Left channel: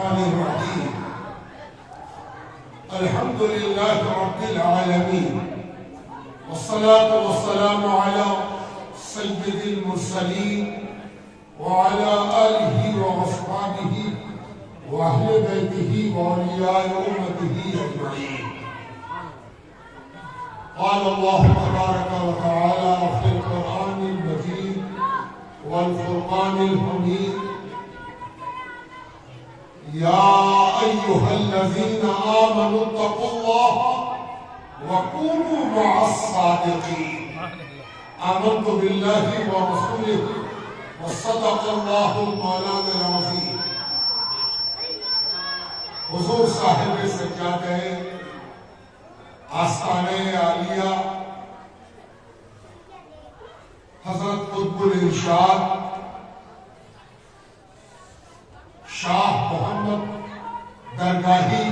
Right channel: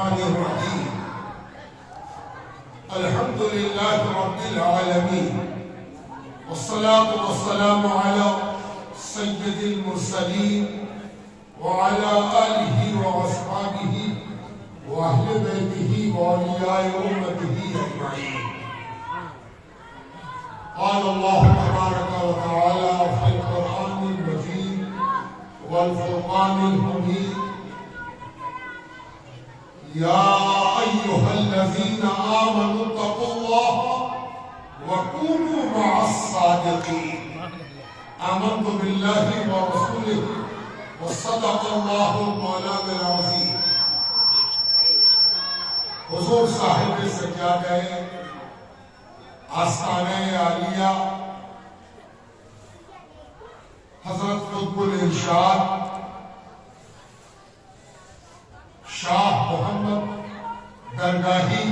الرحمن الرحيم. الحمد لله رب العالمين، والصلاة والسلام على سيد المرسلين وعلى آله وأصحابه وأهل بيته وأولياء أمته أجمعين. قال الله تبارك وتعالى في القرآن المجيد والفرقان الحميد: يا أيها الذين آمنوا اتقوا الله وكونوا مع الصادقين. آمنت بالله ورسوله وصدق الله المولانا العظيم. حضور صاحب سجادہ آستانہ عالیہ حضرت قطب الارشاد شاہ محمد درگاہی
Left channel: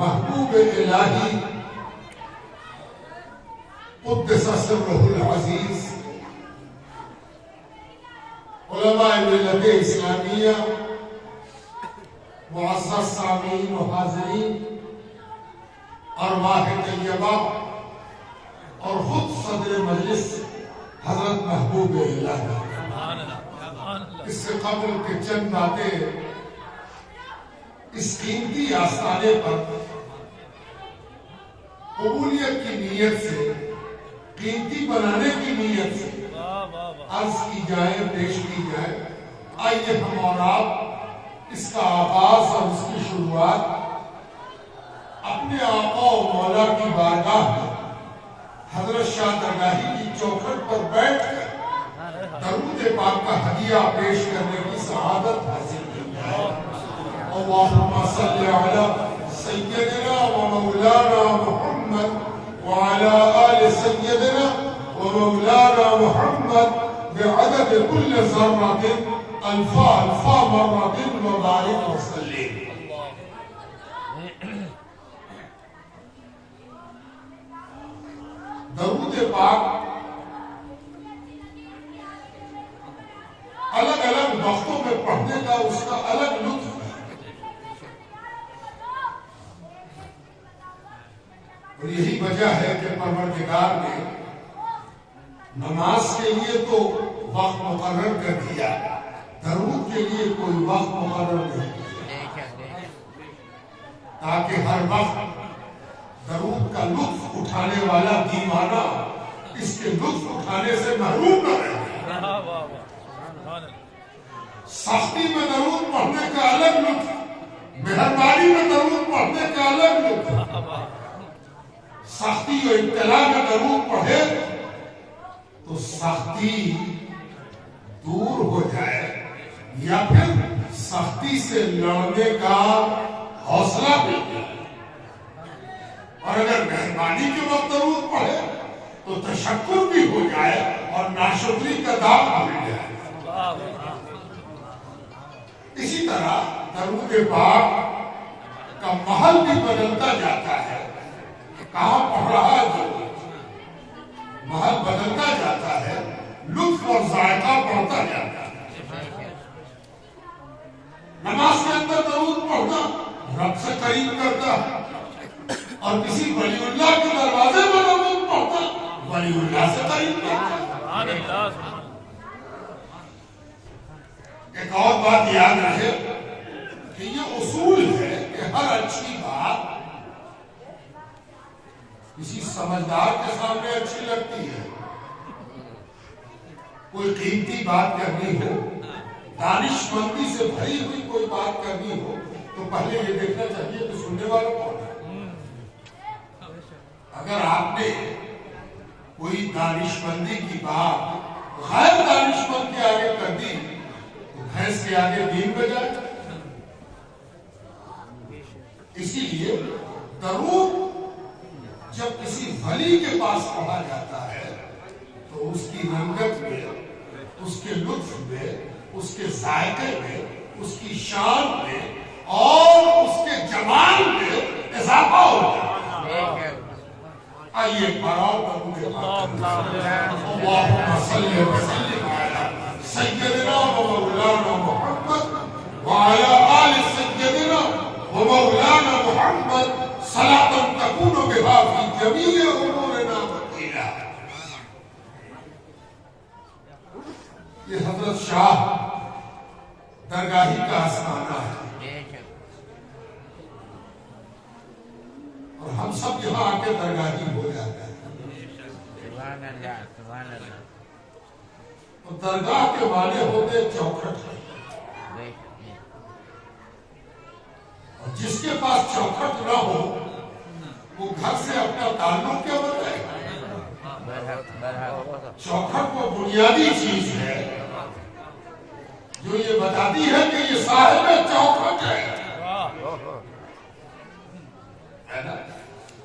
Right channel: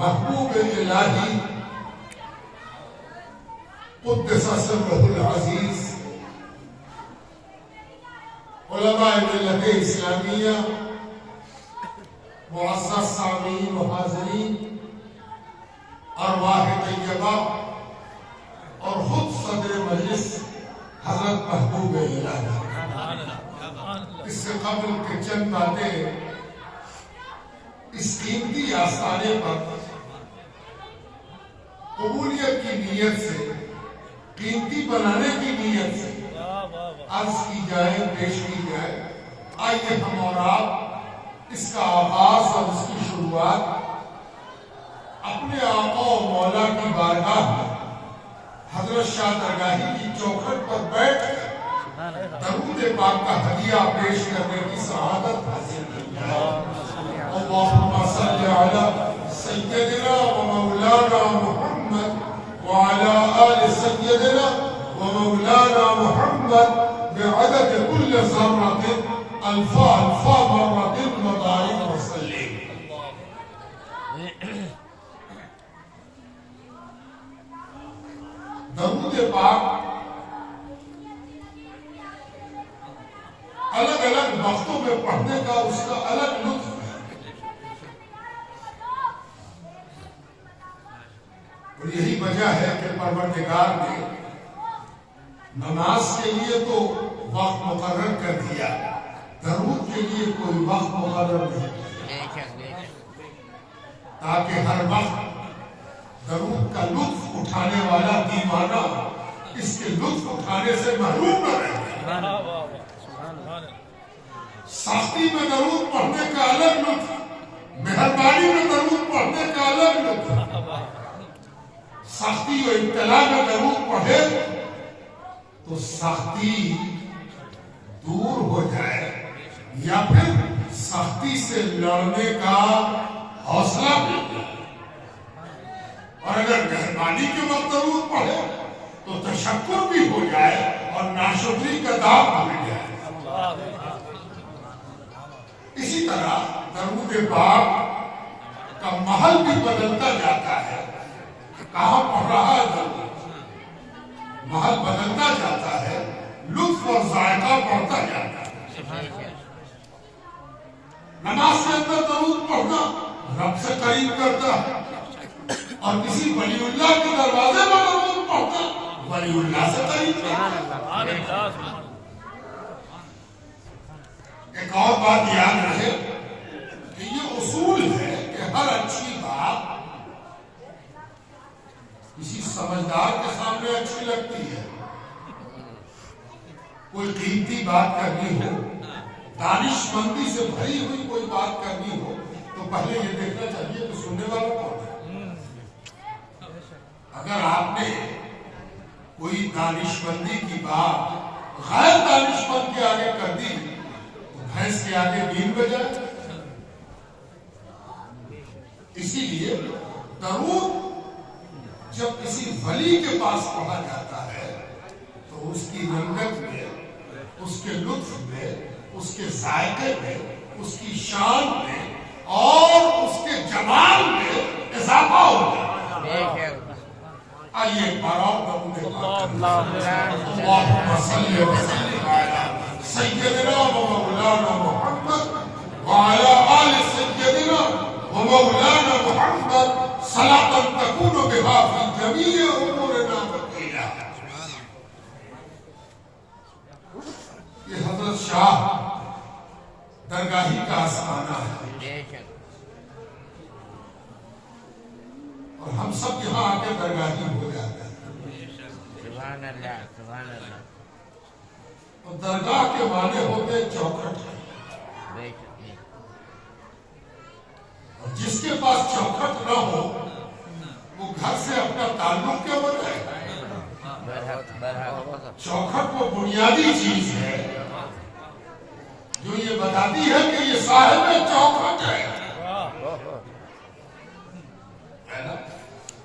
محبوب الہی قدس سرہ العزیز، علماء ملت اسلامیہ، معزز سامعین و حاضرین، ارواح طیبہ اور خود صدر مجلس حضرت محبوب الہی، اس سے قبل کے چند باتیں اس قیمتی آستانے پر قبولیت کی نیت سے، قیمتی بنانے کی نیت سے عرض کی جائے، پیش کی جائے. آئیے ہم اور آپ اس کا آغاز اور اس کی شروعات اپنے آقا و مولا کی بارگاہ میں حضرت شاہ درگاہی کی چوکھٹ پر بیٹھ کر درود پاک کا ہدیہ پیش کرنے کی سعادت حاصل کی جائے. اللہم صلی علی سیدنا و مولانا محمد وعلی آل سیدنا و مولانا محمد بعدد كل ذرة الفا الفا مرة وبارك وسلم. درود پاک الگ الگ وقتوں میں پڑھنے کا اس کا الگ لطف ہے، اور یہی وجہ ہے کہ پروردگار نے نماز کے لیے تو وقت مقرر کر دیا، درود کے لیے کوئی وقت مقرر نہیں کیا، تاکہ ہر وقت درود کا لطف اٹھانے والا دیوانہ اس کے لطف اٹھانے سے محروم نہ رہے. سختی میں درود پڑھنے کا الگ لطف، مہربانی میں درود پڑھنے کا الگ لطف. سختی و ابتلا میں درود پڑھے تو سختی دور ہو جائے، یا پھر سختی سے لڑنے کا حوصلہ مل جائے. اور اگر مہربانی کے وقت درود پڑھے تو تشکر بھی ہو جائے اور ناشکری کا داغ بھول جائے. اسی طرح درود پاک کا محل بھی بدلتا جاتا ہے. کہاں پڑھ رہا ہے درود، محل بدلتا جاتا ہے، لطف اور ذائقہ بڑھتا جاتا ہے. نماز کے اندر درود پڑھنا رب سے قریب کرتا ہے، اور کسی ولی اللہ کے دروازے پر درود پڑھنا ولی اللہ سے قریب کرتا ہے. ایک اور بات یاد رہے کہ یہ اصول ہے کہ ہر اچھی بات کسی سمجھدار کے سامنے اچھی لگتی ہے. کوئی قیمتی بات کرنی ہو، دانش مندی سے بھری ہوئی کوئی بات کرنی ہو، تو پہلے یہ دیکھنا چاہیے کہ سننے والا کون ہے. اگر آپ نے کوئی دانش مندی کی بات غیر دانش مند کے آگے کر دی تو بھینس کے آگے دین بجائے. اسی لیے درود جب کسی ولی کے پاس پڑھا جاتا ہے تو اس کی رنگت میں، اس کے لطف میں، اس کے ذائقے میں، اس کی شان میں اور اس کے جمال میں اضافہ ہوتا ہے. آئیے ایک بار اور درود پاک اللہم صلی وسلم علی سیدنا و مولانا محمد وعلی آل سیدنا خانہ ہے اور ہم سب یہاں آ کے درگاہی ہو جاتے ہیں. اور درگاہ کے معنی ہوتے چوکھٹ ہے. اور جس کے پاس چوکھٹ نہ ہو وہ گھر سے اپنا تعلق کیا بتائے. چوکھٹ وہ بنیادی چیز ہے جو یہ بتاتی ہے کہ یہ صاحب چوکھٹ ہے.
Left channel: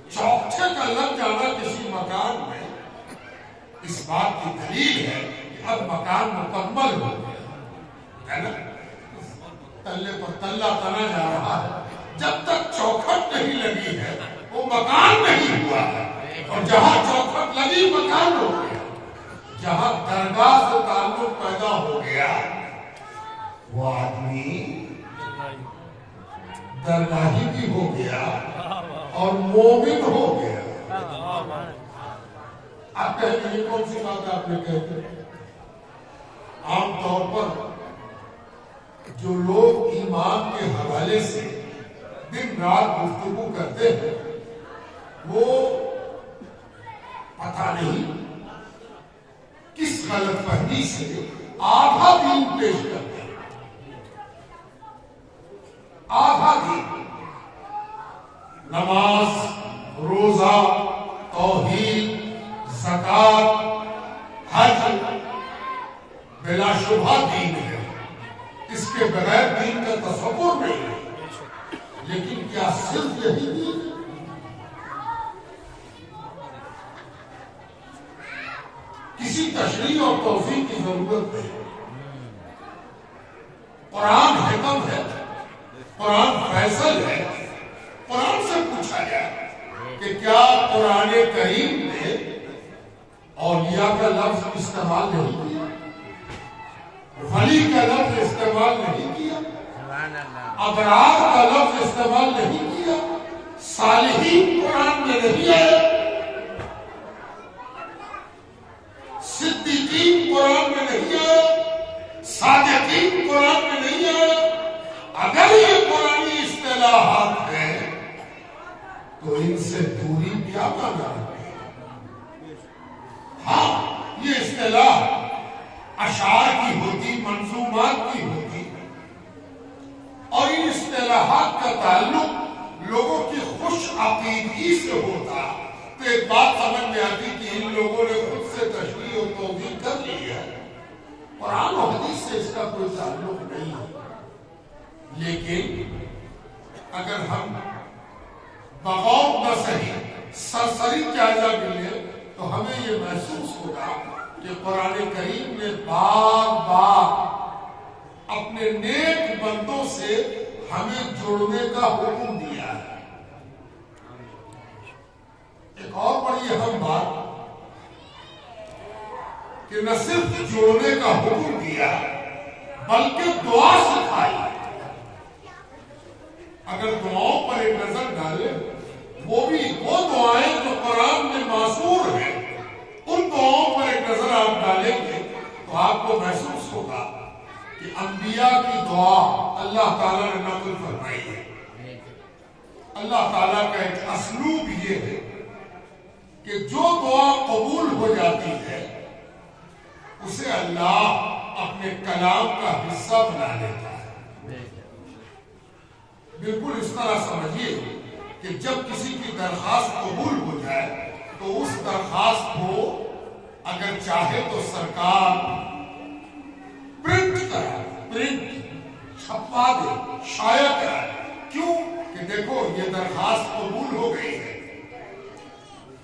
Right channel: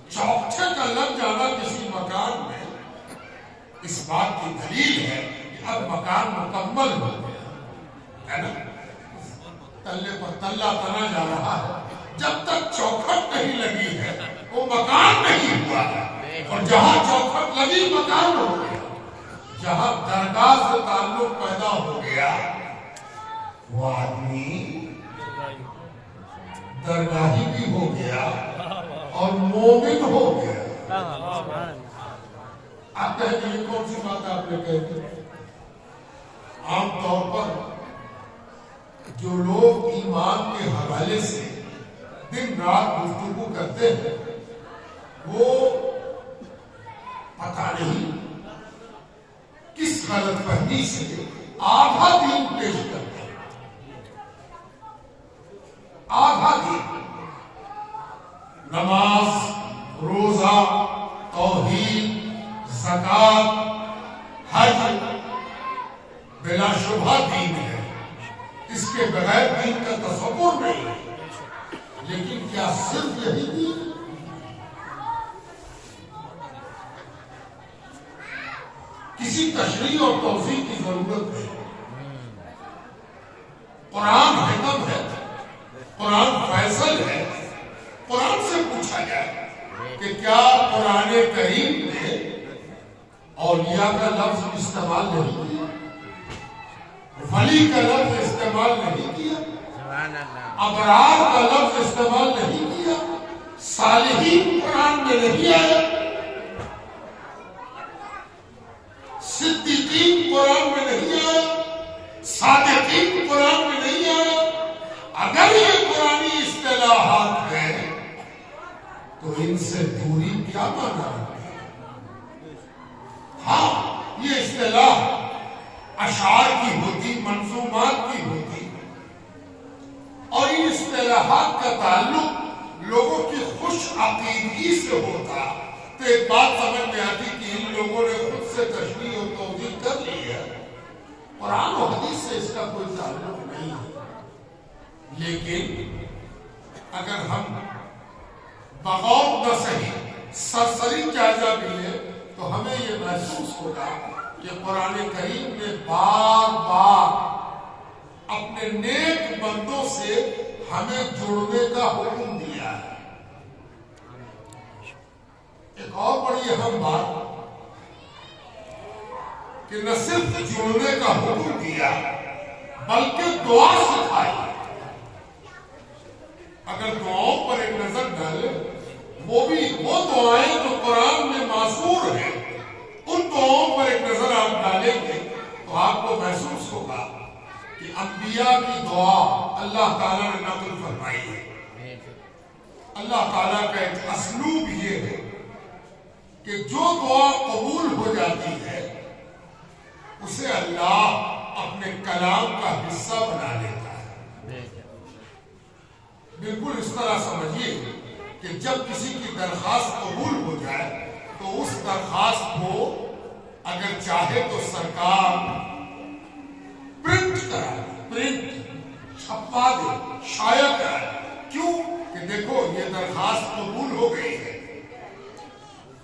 چوکھٹے کا لگ جانا کسی مکان میں اس بات کی دلیل ہے کہ اب مکان مکمل ہو گیا ہے نا. تلے پر تلا تنا جا رہا ہے. جب تک چوکھٹ نہیں لگی ہے وہ مکان نہیں ہوا ہے. اور جہاں چوکھٹ لگی مکان ہو گیا. جہاں درگاہ سے تعلق پیدا ہو گیا وہ آدمی درگاہی بھی ہو گیا اور مومن ہو گیا. آپ کہیں گے یہ کون سی بات آپ نے کہی. عام طور پر جو لوگ ایمان کے حوالے سے دن رات گفتگو کرتے ہیں وہ پتہ نہیں کس غلط فہمی سے آدھا دین پیش کرتے ہیں. آدھا دین نماز روزہ توحید زکات حج بلا شبہ دین ہے. اس کے بغیر دین کا تصور نہیں ہے. لیکن کیا صرف یہی دین؟ کسی تشریح اور توضیح کی ضرورت ہے. قرآن حکم ہے, قرآن فیصل ہے. قرآن سے پوچھا جائے کہ کیا قرآن کریم نے اولیاء کا لفظ استعمال نہیں کیا, ولی کا لفظ استعمال نہیں کیا, ابرار کا لفظ استعمال نہیں کیا, صالحین قرآن میں نہیں آئے, صدیقین قرآن میں نہیں آئے, صادقین قرآن میں نہیں آئے. اگر یہ قرآنی اصطلاحات ہیں تو ان سے دوری کیا مانا ہے. ہاں یہ اصطلاح اشعار کی ہوتی, منظومات کی ہوتی, اور ان اصطلاحات کا تعلق لوگوں کی خوش عقیدگی سے ہوتا تو ایک بات سمجھ میں آتی کہ ان لوگوں نے خود سے تشریح اور توضیح کر لی ہے. قرآن و حدیث سے اس کا کوئی تعلق نہیں ہے. لیکن اگر ہم بغور نہ صحیح سرسری جائزہ بھی لیں تو ہمیں یہ محسوس ہوگا کہ قرآن کریم نے بار بار اپنے نیک بندوں سے ہمیں جڑنے کا حکم دیا ہے. ایک اور بڑی اہم بات کہ نہ صرف جڑنے کا حکم دیا بلکہ دعا سکھائی. اگر دعاؤں پر ایک نظر ڈالیں وہ دعائیں جو قرآن میں معصور ہیں ان دعاؤں پر ایک نظر آپ ڈالیں گے تو آپ کو محسوس ہوگا کہ انبیاء کی دعا اللہ تعالیٰ نے نقل فرمائی ہے. اللہ تعالیٰ کا ایک اسلوب یہ ہے کہ جو دعا قبول ہو جاتی ہے اسے اللہ اپنے کلام کا حصہ بنا لیتا ہے. بالکل اس طرح سمجھیے کہ جب کسی کی درخواست قبول ہو جائے تو اس درخواست کو اگر چاہے تو سرکار پرنٹ چھپوا دے, شائع کرائے. کیوں کہ دیکھو یہ درخواست قبول ہو گئی ہے,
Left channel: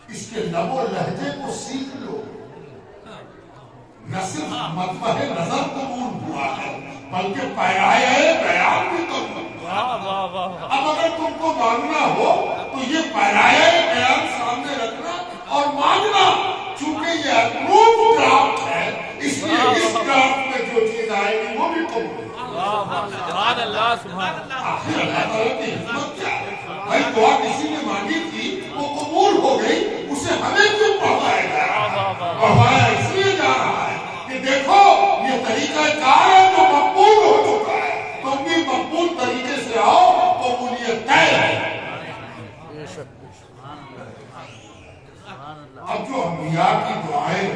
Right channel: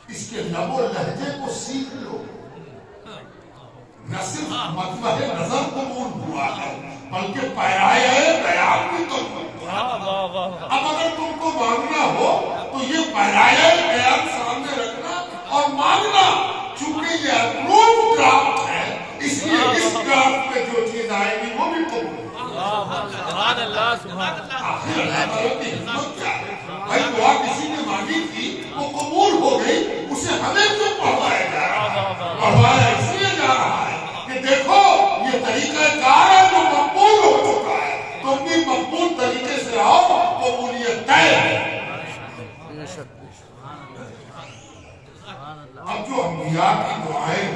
اس کے لب و لہجے کو سیکھ لو. نہ صرف مطمع نظر قبول ہوا ہے بلکہ پیرائے بیان بھی قبول ہوا. اب اگر تم کو مانگنا ہو تو یہ پیرائے بیان سامنے رکھنا اور مانگنا. چونکہ یہ اپروو ڈرافٹ ہے اس لیے اس ڈرافٹ میں جو چیز آئے گی وہ بھی قبول ہے. سبحان اللہ سبحان اللہ. آخر اللہ تعالیٰ کی حکمت کیا ہے؟ بھائی دعا کسی نے مانگی تھی وہ قبول ہو گئی, اسے ہمیں کیوں پڑھوایا جا رہا ہے؟ پڑھوایا اس لیے جا رہا ہے کہ دیکھو یہ طریقہ کار ہے جو مقبول ہو چکا ہے, تم بھی مقبول مضبوط طریقے سے آؤ، قبولیت طے ہے۔ اب جو انبیاء کی دعائیں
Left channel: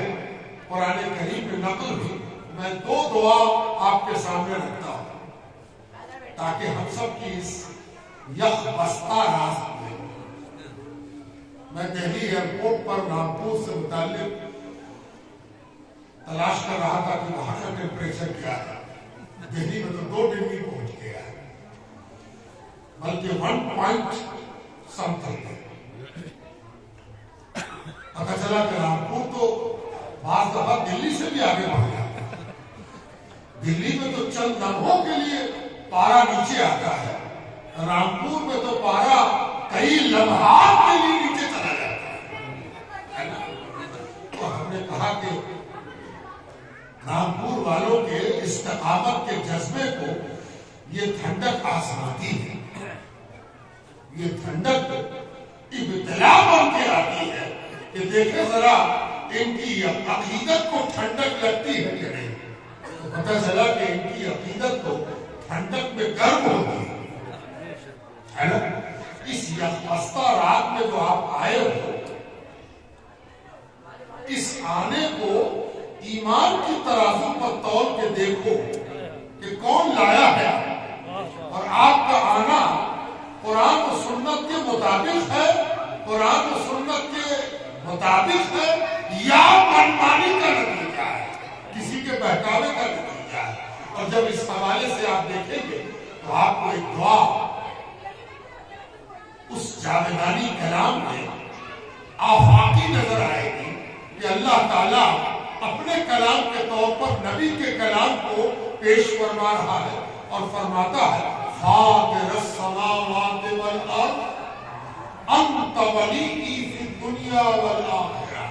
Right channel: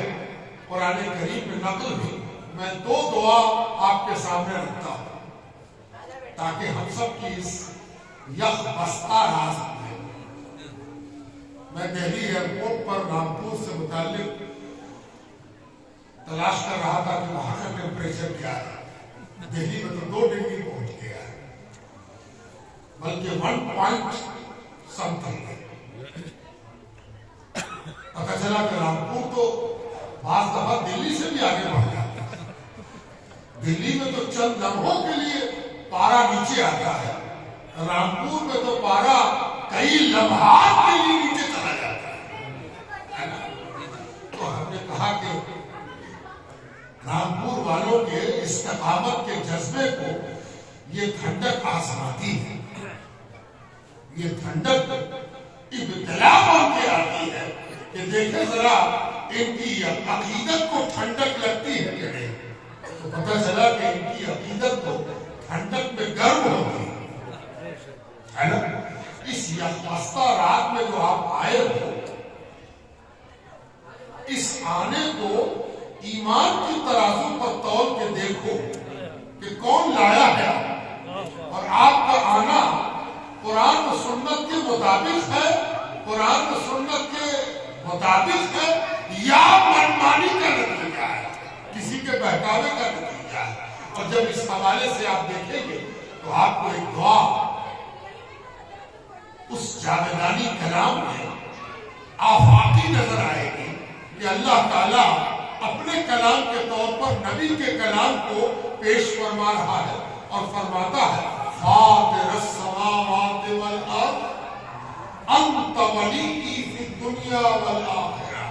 قرآن کریم میں نقل ہوئی، میں 2 دعا آپ کے سامنے رکھتا ہوں تاکہ ہم سب کی اس یک بستہ راز میں۔ میں دہلی ایئرپورٹ پر رامپور سے متعلق تلاش کر رہا تھا کہ وہاں کا ٹیمپریچر کیا ہے۔ دہلی میں تو 2 ڈگری پہنچ گیا ہے، بلکہ 1 پوائنٹ سمتھنگ ہے۔ پتہ چلا کہ رامپور تو بعض دفعہ دلی سے بھی آگے بڑھ جاتا ہے۔ دلی میں تو چند لمحوں کے لیے پارا نیچے آتا ہے، رامپور میں تو پارا کئی لمحات کے لیے نیچے چلا جاتا ہے۔ تو ہم نے کہا کہ رامپور والوں کے استقامت کے جذبے کو یہ ٹھنڈک آزماتی ہے، یہ ٹھنڈک ابتلا بن کے آتی ہے کہ دیکھیں ذرا ان کی عقیدت کو ٹھنڈک لگتی ہے کہ نہیں۔ تو پتہ چلا کہ ان کی عقیدت کو ٹھنڈک میں گرم ہوتی ہے نا۔ اس یکبستہ رات میں جو آپ آئے ہو، اس آنے کو ایمان کی ترازو پر تول کے دیکھو کہ کون لایا ہے، اور آپ کا آنا قرآن و سنت کے مطابق ہے، قرآن و سنت کے مطابق ہے یا منمانی کا نتیجہ ہے، کسی کے بہکاوے کا نتیجہ ہے۔ اور جب اس حوالے سے آپ دیکھیں گے تو آپ کو ایک دعا اس جاویدانی کلام میں آفاقی نظر آئے گی کہ اللہ تعالیٰ اپنے کلام کے طور پر نبی کے کلام کو پیش فرما رہا ہے اور فرماتا ہے فاطر السماوات والارض انت ولی فی الدنیا والآخرہ۔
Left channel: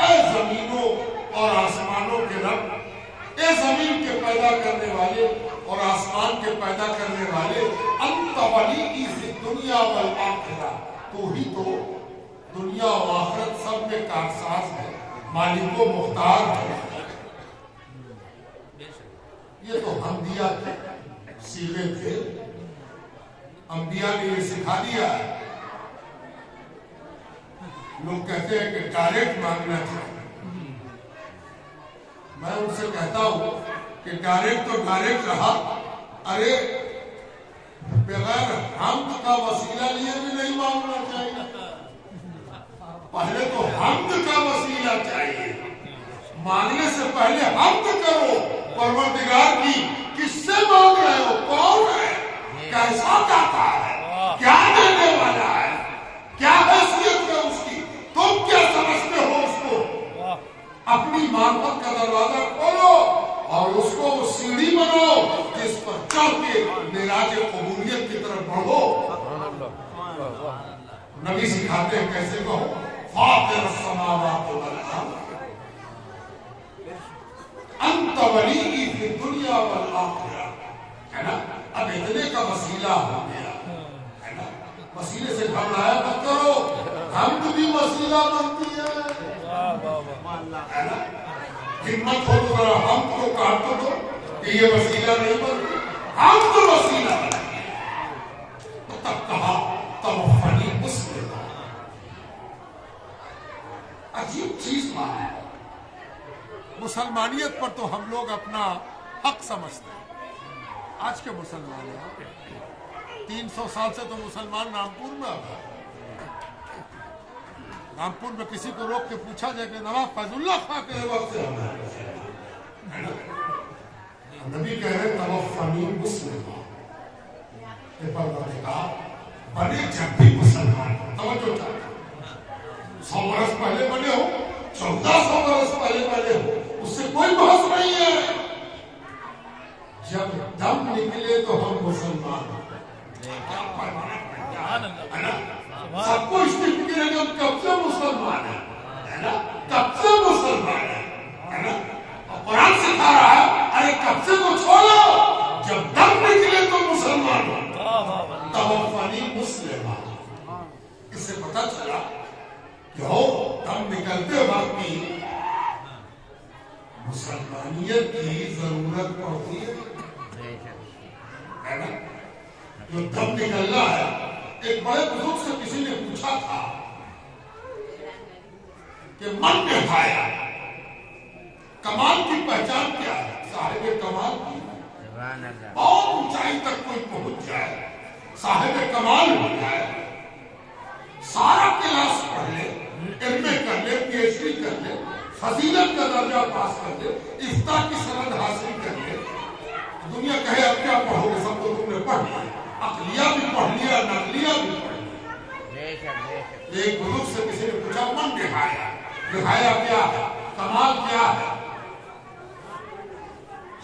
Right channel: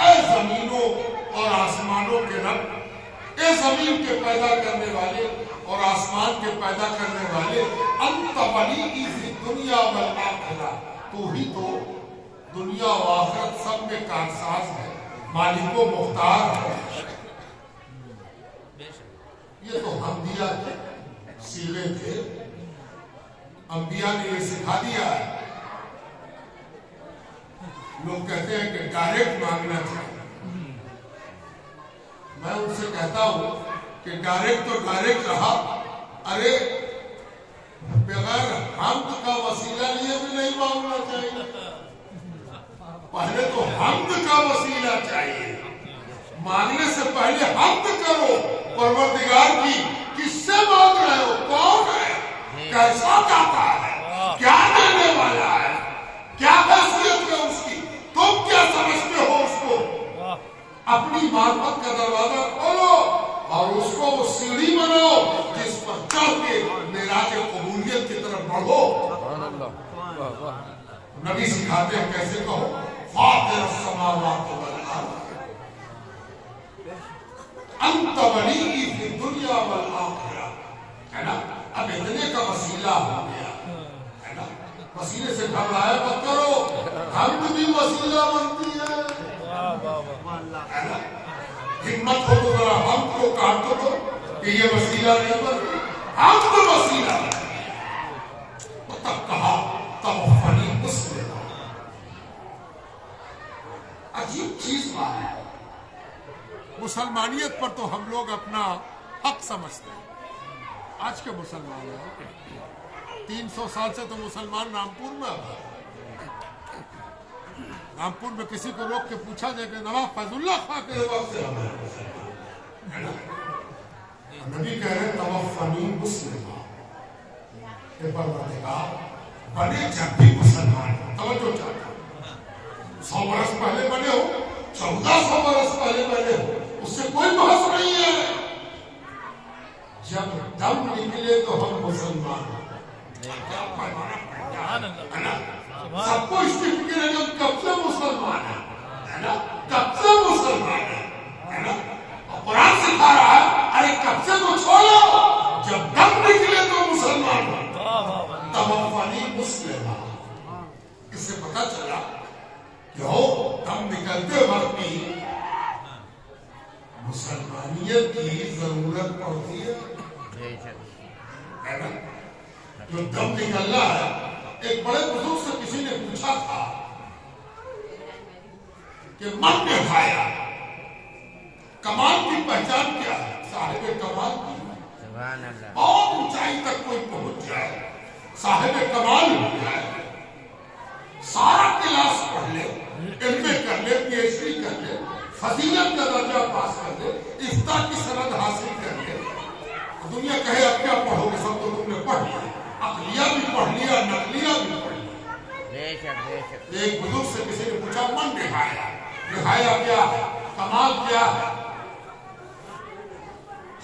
اے زمینوں اور آسمانوں کے رب، اے زمین کے پیدا کرنے والے اور آسمان کے پیدا کرنے والے، انت ولی فی الدنیا والآخرہ، تو ہی تو دنیا و آخرت سب میں کارساز ہے، مالک و مختار ہے۔ یہ تو حمدیہ کے صیغے تھے، انبیاء نے یہ سکھا دیا ہے۔ لوگ کہتے ہیں کہ ڈائریکٹ مانگنا چاہیے، میں ان سے کہتا ہوں کہ ڈائریکٹ تو ڈائریکٹ رہا، ارے بغیر حمد کا وسیلہ لیے بھی نہیں مانگنا چاہیے، پہلے تو حمد کا وسیلہ چاہیے۔ مانگنے سے پہلے حمد کرو پروردگار کی، کس سے مانگ رہے ہو، کون ہے، کیسا داتا ہے، کیا دینے والا ہے، کیا حیثیت ہے اس کی، تم کیا سمجھتے ہو اس کو۔ اپنی معرفت کا دروازہ کھولو اور اس کو وہ سیڑھی بناؤ جس پر چڑھ کے معراج قبولیت کی طرف بڑھو۔ نبی سکھاتے ہیں کیسے کہو، فاطر السماوات والارض انت ولی فی الدنیا والآخرہ، ہے نا۔ اب اتنے کا وسیلہ ہو گیا ہے نا، وسیلے سے گھبرایا مت کرو، حمد بھی وسیلہ بنتی ہے ہے نا۔ ہمت ہو تو ذرا حمد کو کاٹ تو دو کہ یہ وسیلہ نہیں بنتی، حمد وسیلہ بنتی ہے۔ تو تب کہا توفنی مسلما، عجیب چیز مانا ہے۔ مسلمانیت پر تو ہم لوگ اپنا حق سمجھتے ہیں، آج کے مسلمان ہیں، 300 سال سے تو مسلمان رامپور میں آ گئے۔ رامپور میں کسی کو روک کے پوچھا جائے کہ نواب فیض اللہ خان کے وقت سے نبی کہہ رہے توفنی مسلما، کہ پروردگار بنے جب بھی مسلمان، توجہ چاہتا 100 برس پہلے بنے ہو، 1400 برس پہلے بنے ہو، اس سے کوئی بحث نہیں ہے، جب دم نکلے تو ہم مسلمان ہیں۔ سب کو اس کی فکر ہے کہ کب سے مسلمان ہے، کب سے مسلمان ہے نا۔ قرآن سکھا رہا ہے ارے کب سے تو چھوڑو، جب دم نکلے تو مسلمان ہو، توفنی مسلما۔ اس سے پتہ چلا کہ ہو دم نکلتے وقت بھی مسلمانیت کی ضرورت پڑتی ہے۔ ہے نا جو دم نکلنا ہے. ایک بڑے بزرگ سے کسی نے پوچھا تھا کہ من نہایا کمال کی پہچان کیا ہے؟ صاحب کمال کی بہت اونچائی تک کوئی پہنچ جائے, صاحب کمال ہو جائے, سارا کلاس پڑھ لے, ایم اے کر لے, پی ایچ ڈی کر لے, فضیلت کا درجہ پاس کر لے, افتاء کی سند حاصل کر لے, دنیا کہے اب کیا پڑھو گے, سب تو تم نے پڑھ لیا, عقلیہ بھی پڑھ لیا, نقلیہ بھی پڑھ لیا. ایک بزرگ سے کسی نے پوچھا من نہایا, نہایا کیا ہے, کمال کیا ہے؟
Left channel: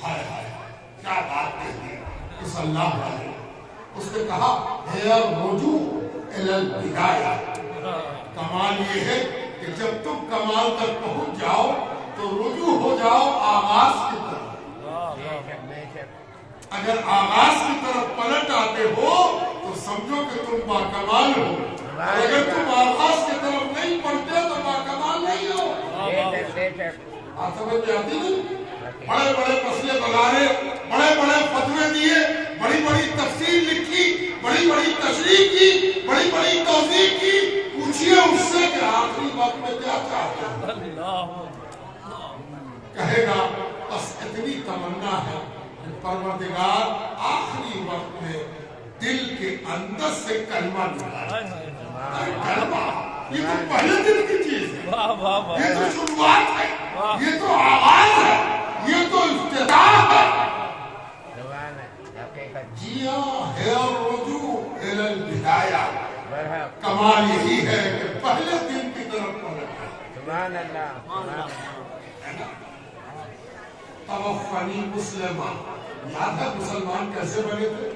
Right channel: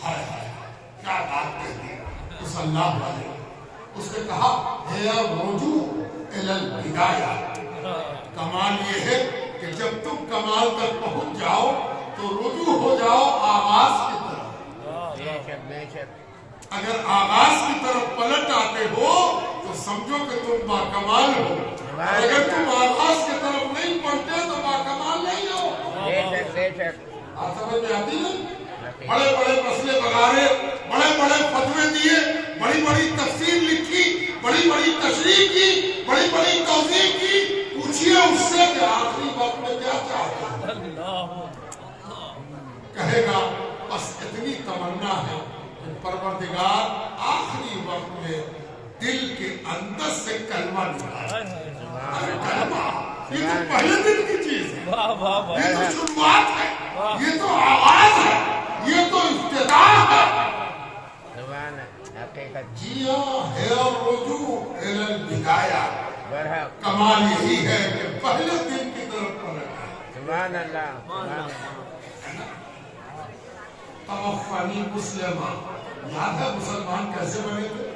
ہائے ہائے کیا بات کہتی اس اللہ والے. اس نے کہا ہے رجوع الی البدایہ, کمال یہ ہے کہ جب تم کمال تک پہنچ جاؤ تو رجوع ہو جاؤ آغاز کی طرف. اگر آغاز کی طرف پلٹ آتے ہو تو سمجھو کہ تم باکمال ہو, اور اگر تم آغاز کی طرف نہیں پلٹے تو باکمال نہیں ہو. آپ سمجھ میں آتی نہیں؟ بڑے بڑے مسئلے بگارے, بڑے بڑے فتوے دیے, بڑی بڑی تفسیر لکھی, بڑی بڑی تشریح کی, بڑی بڑی توضیح کی, پوچھئے اس سے کہ آخری وقت میں کیا چاہتے ہیں؟ کہے گا بس اتنی تمنا ہے کہ پروردگار آخری وقت میں دل کے اندر سے کلمہ نکالے. ارے کلمہ یہ تو پہلے دن کی چیز ہے, یہ تو شروعات ہے, یہ تو آغاز ہے, یہ تو افتتاح ہے. جی ہاں ہے اور رجوع الی البدایہ, کمال یہی ہے کہ پہلے دن کی طرف پلٹ ہے. توفنی مسلمہ, یاد ہے مسلمان کیسے بنے تھے؟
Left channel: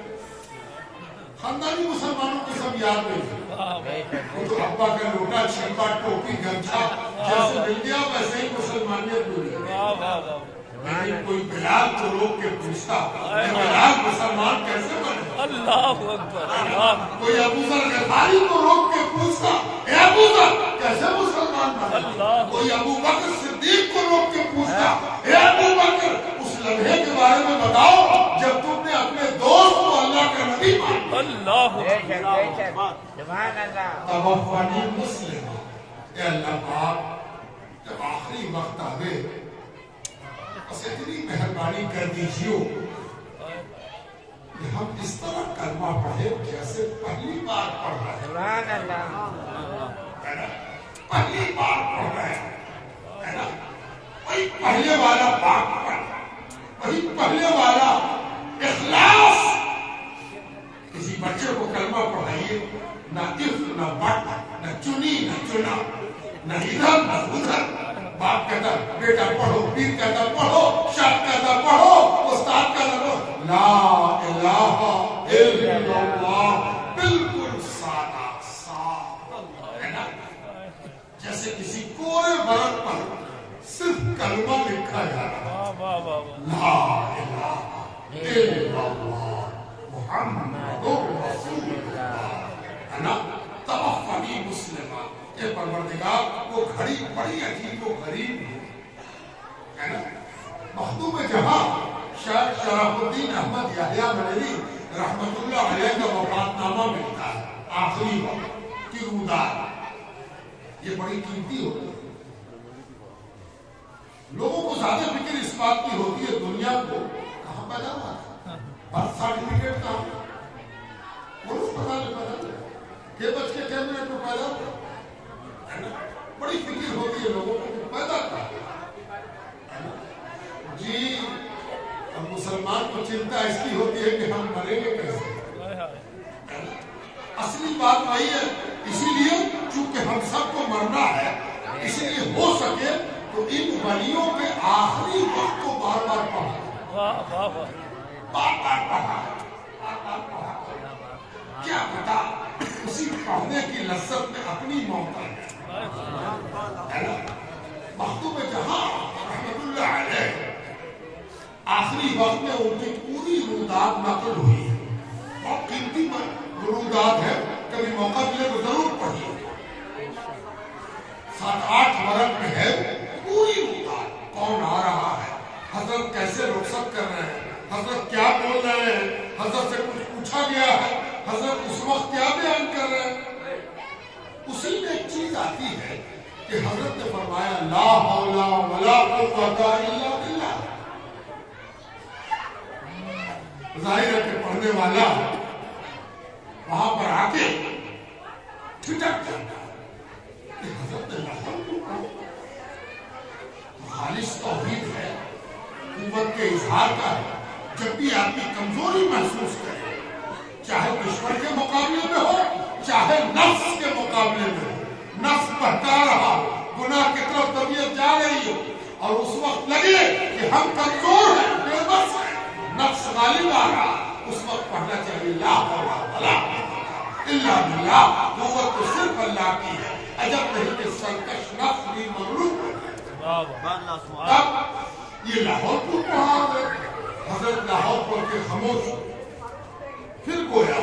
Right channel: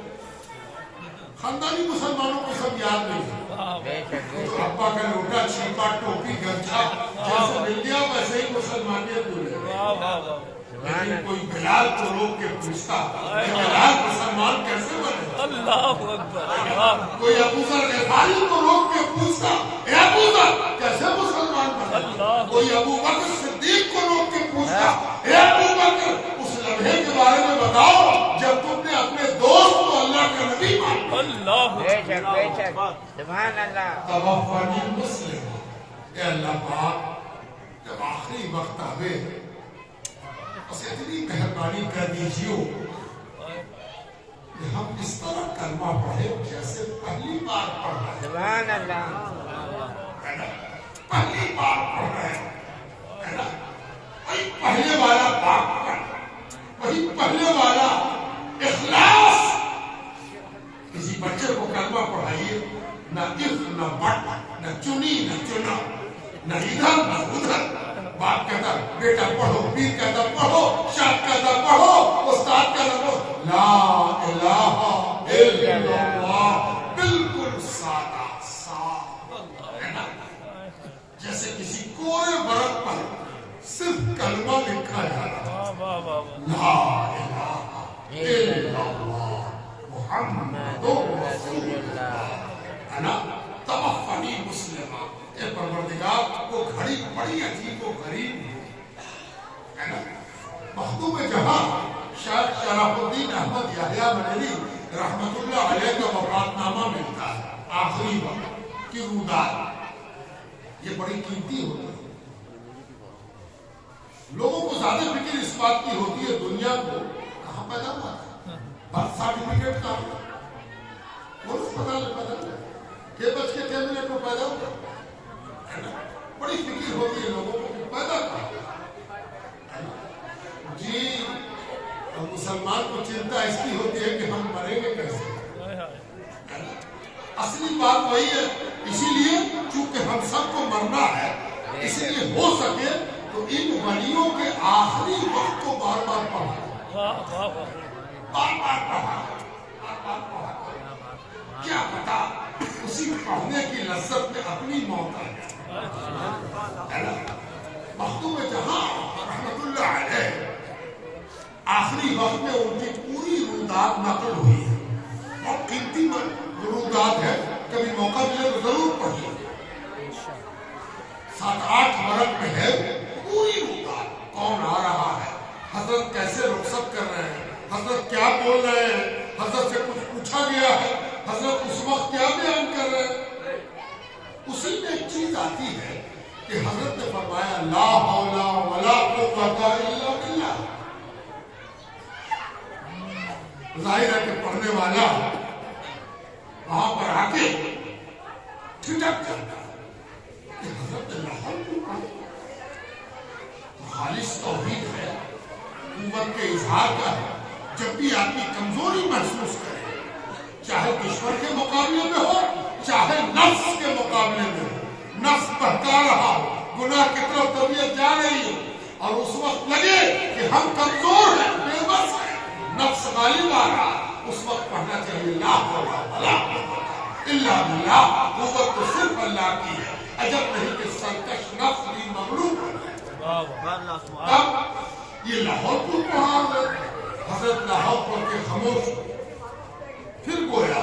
خاندانی مسلمانوں کو سب یاد نہیں ہے, وہ تو ابا کا لوٹا چھیپا ٹوپی گمچھا جیسے مل گیا ویسے ہی مسلمانیت ملی. لیکن کوئی بلال کو روک کے پوچھتا بلال مسلمان کیسے بنے؟ اللہ اکبر. کوئی ابو ذر غفاری کو روک کے پوچھتا اے ابو ذر کیسے مسلمان بنے؟ کوئی ابو بکر صدیق کو روک کے پوچھتا اے ابو بکر اس لمحے کے بارے میں بتاؤ جب تم نے اپنے دوست کو اللہ کے نبی مانا. اللہ توفنی مسلم. اے اللہ پاک جب آخری وقت آوے بس اتنی مہربانی کر دیجیے کہ ہم اس طرح کلمہ پڑھے جیسے پہلی بار پڑھ رہے ہیں, پہلی بار پڑھ رہے ہیں, وہی پہلے والا بات پڑھ, وہی پہلے والا اخلاص. کسی بچے کو کلمہ پڑھائیے, نہ اف نہ بٹ, نہ چنی نہ چنا, نہ ادھر نہ ادھر. باپ کہتا بیٹا پڑھو, پیر کہتا پڑھو, شاہ کہتا پڑھو, استاد کہتا پڑھو, لا الہ الا اللہ, بالکل سادہ صاف ہے نا, جیسے کسی کوڑے ورق پر صرف کلمہ لکھا جا رہا. لا الہ الا اللہ محمد رسول اللہ ہے نا. توفنی مسلمہ. اے پروردگار وہ گھڑی بڑی عجیب و غریب ہے نا. مخدوم جہاں شیخ شرف الدین احمد یحییٰ بریلوی رحمت اللہ علیہ کا وفات نامہ ملتا ہے, آخری وقت کی روداد. یہ بڑی قیمتی ہوتی ہے. لوگوں کو زیادہ فکر اس بات کی ہوتی ہے دنیا کو کہاں پیدا ہوا ہے, برتھ سرٹیفکیٹ کہاں, کون اسپتال میں پیدا ہوا, کہ بچ کے کیا منٹ میں پیدا ہوا. بڑی فکر ہوتی ہے لوگوں کو کہ پیدا کہاں. جی مسلمان کو چنتا اس کی ہوتی ہے کہ ہم مریں گے کیسے. اصلی بات وہی ہے. اسی لیے چونکہ ہم سب کو مرنا ہے, اسی لیے ہو سکے تو ان ولیوں کے آخری وقت کو بار بار پڑھا, بار بار پڑھا, بار بار پڑھا. کیا پتا اسی پڑھنے کی لذت میں اپنی موت آ جائے. مخدوم جہاں رحمت اللہ علیہ آخری وقت میں ان کی پوری روداد نقل ہوئی ہے. بہت قیمتی روداد ہے, کبھی موقع ملے تو ضرور پڑھیے. 7-8 ورق میں ہے پوری روداد. کون آ رہا ہے, حضرت کیسے رخصت کر رہے ہیں, حضرت کیا بول رہے حضرت سے کچھ پوچھا گیا ہے، حضرت اس وقت کیا بیان کر رہے ہیں؟ اسی میں ایک چیز آتی ہے کہ حضرت نے فرمایا لا حول ولا قوت الا باللہ. ظاہر ہے کہ پڑھنے والا وہاں پر آ کے ٹھٹک جاتا ہے کہ حضرت نے لا حول کیوں کہا؟ تو خالص توحید ہے، قوت کے اظہار کا ہے. جب بھی آدمی کمزوری محسوس کرے، چاہے دشمن کے مقابلے میں ہو، چاہے نفس کے مقابلے میں ہو، نفس بہکا رہا ہو، گناہ کی طرف طبیعت جا رہی ہو، اور اس وقت لگے کہ ہم کمزور ہیں، بے بس ہیں، نفس غالب آ رہا، اس وقت پڑھنا چاہیے لا حول ولا قوت الا باللہ. قوت تو صرف اللہ کی ہے، عجب نہیں کہ سرکش نفس بھی مغلوب ہو جائے. تب یہ لاہور کیوں کہا؟ حضرت لاہور پڑھ کے خاموش. پھر گویا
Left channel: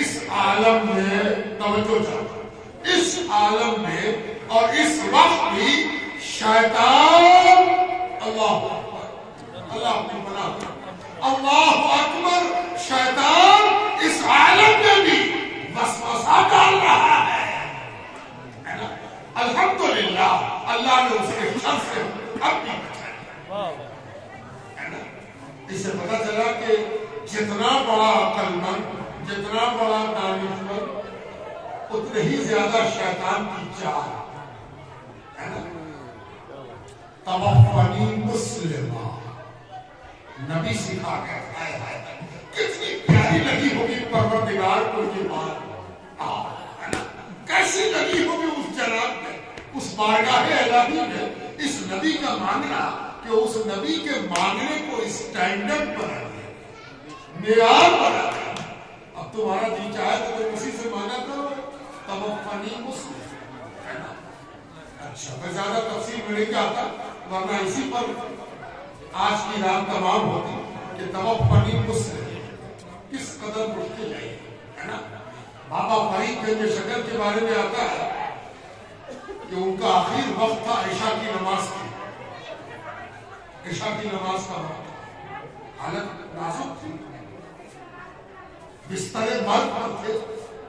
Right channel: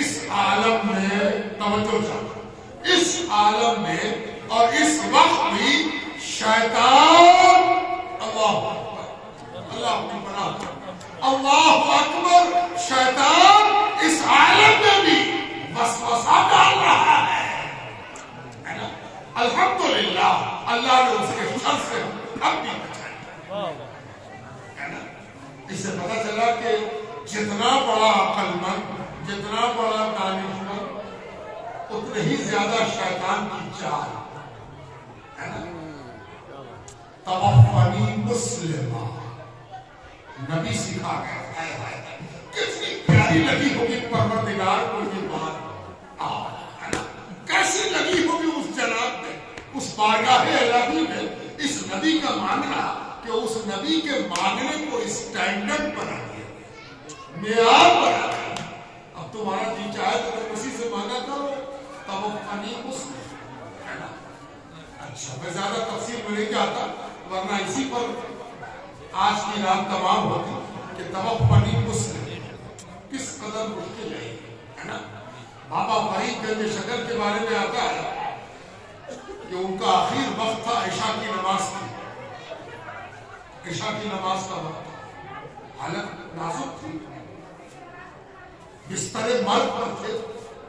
اس عالم میں توجہ چاہتا، اس عالم میں اور اس وقت بھی شیطان، اللہ اکبر، اللہ اپنی پناہ، اللہ اکبر، شیطان اس عالم میں بھی وسوسہ ڈال رہا ہے نا. الحمدللہ اللہ نے اس کے شر سے اب بھی بچایا ہے نا. اس سے پتہ چلا کہ جتنا بڑا عقل مند، جتنا بڑا دانشور، اتنے ہی زیادہ شیطان کی چال ہے نا. توفنی مسلمہ نبی سکھا گیا. کتنی پیاری لگی ہوگی پروردگار کو یہ بات، ہے نا. کیسی لگی ہوگی اس جناب میں، اس بارگاہ الہی میں اس نبی کا مانگنا، کہ اس نبی کے مانگنے کو اسٹینڈرڈ بنا دیا، معیار بنا دیا. اب تمہارا جی چاہے تو تم اسی سے مانگا کرو، توفنی مسلم ہے نا. اچھا میں زیادہ تفصیل میں نہیں جاتا، ورنہ اسی پر آج کی رات تمام ہوتی کہ توفنی مسلم کس قدر مشکل ہے نا. بابا فرید گنج شکر کے بارے میں آتا ہے کہ ان کا آخر وقت تھا عشاء کی نماز کی، عشاء کی نماز کا وقت، حالت نازک تھی، بستر مرگ پر تھے،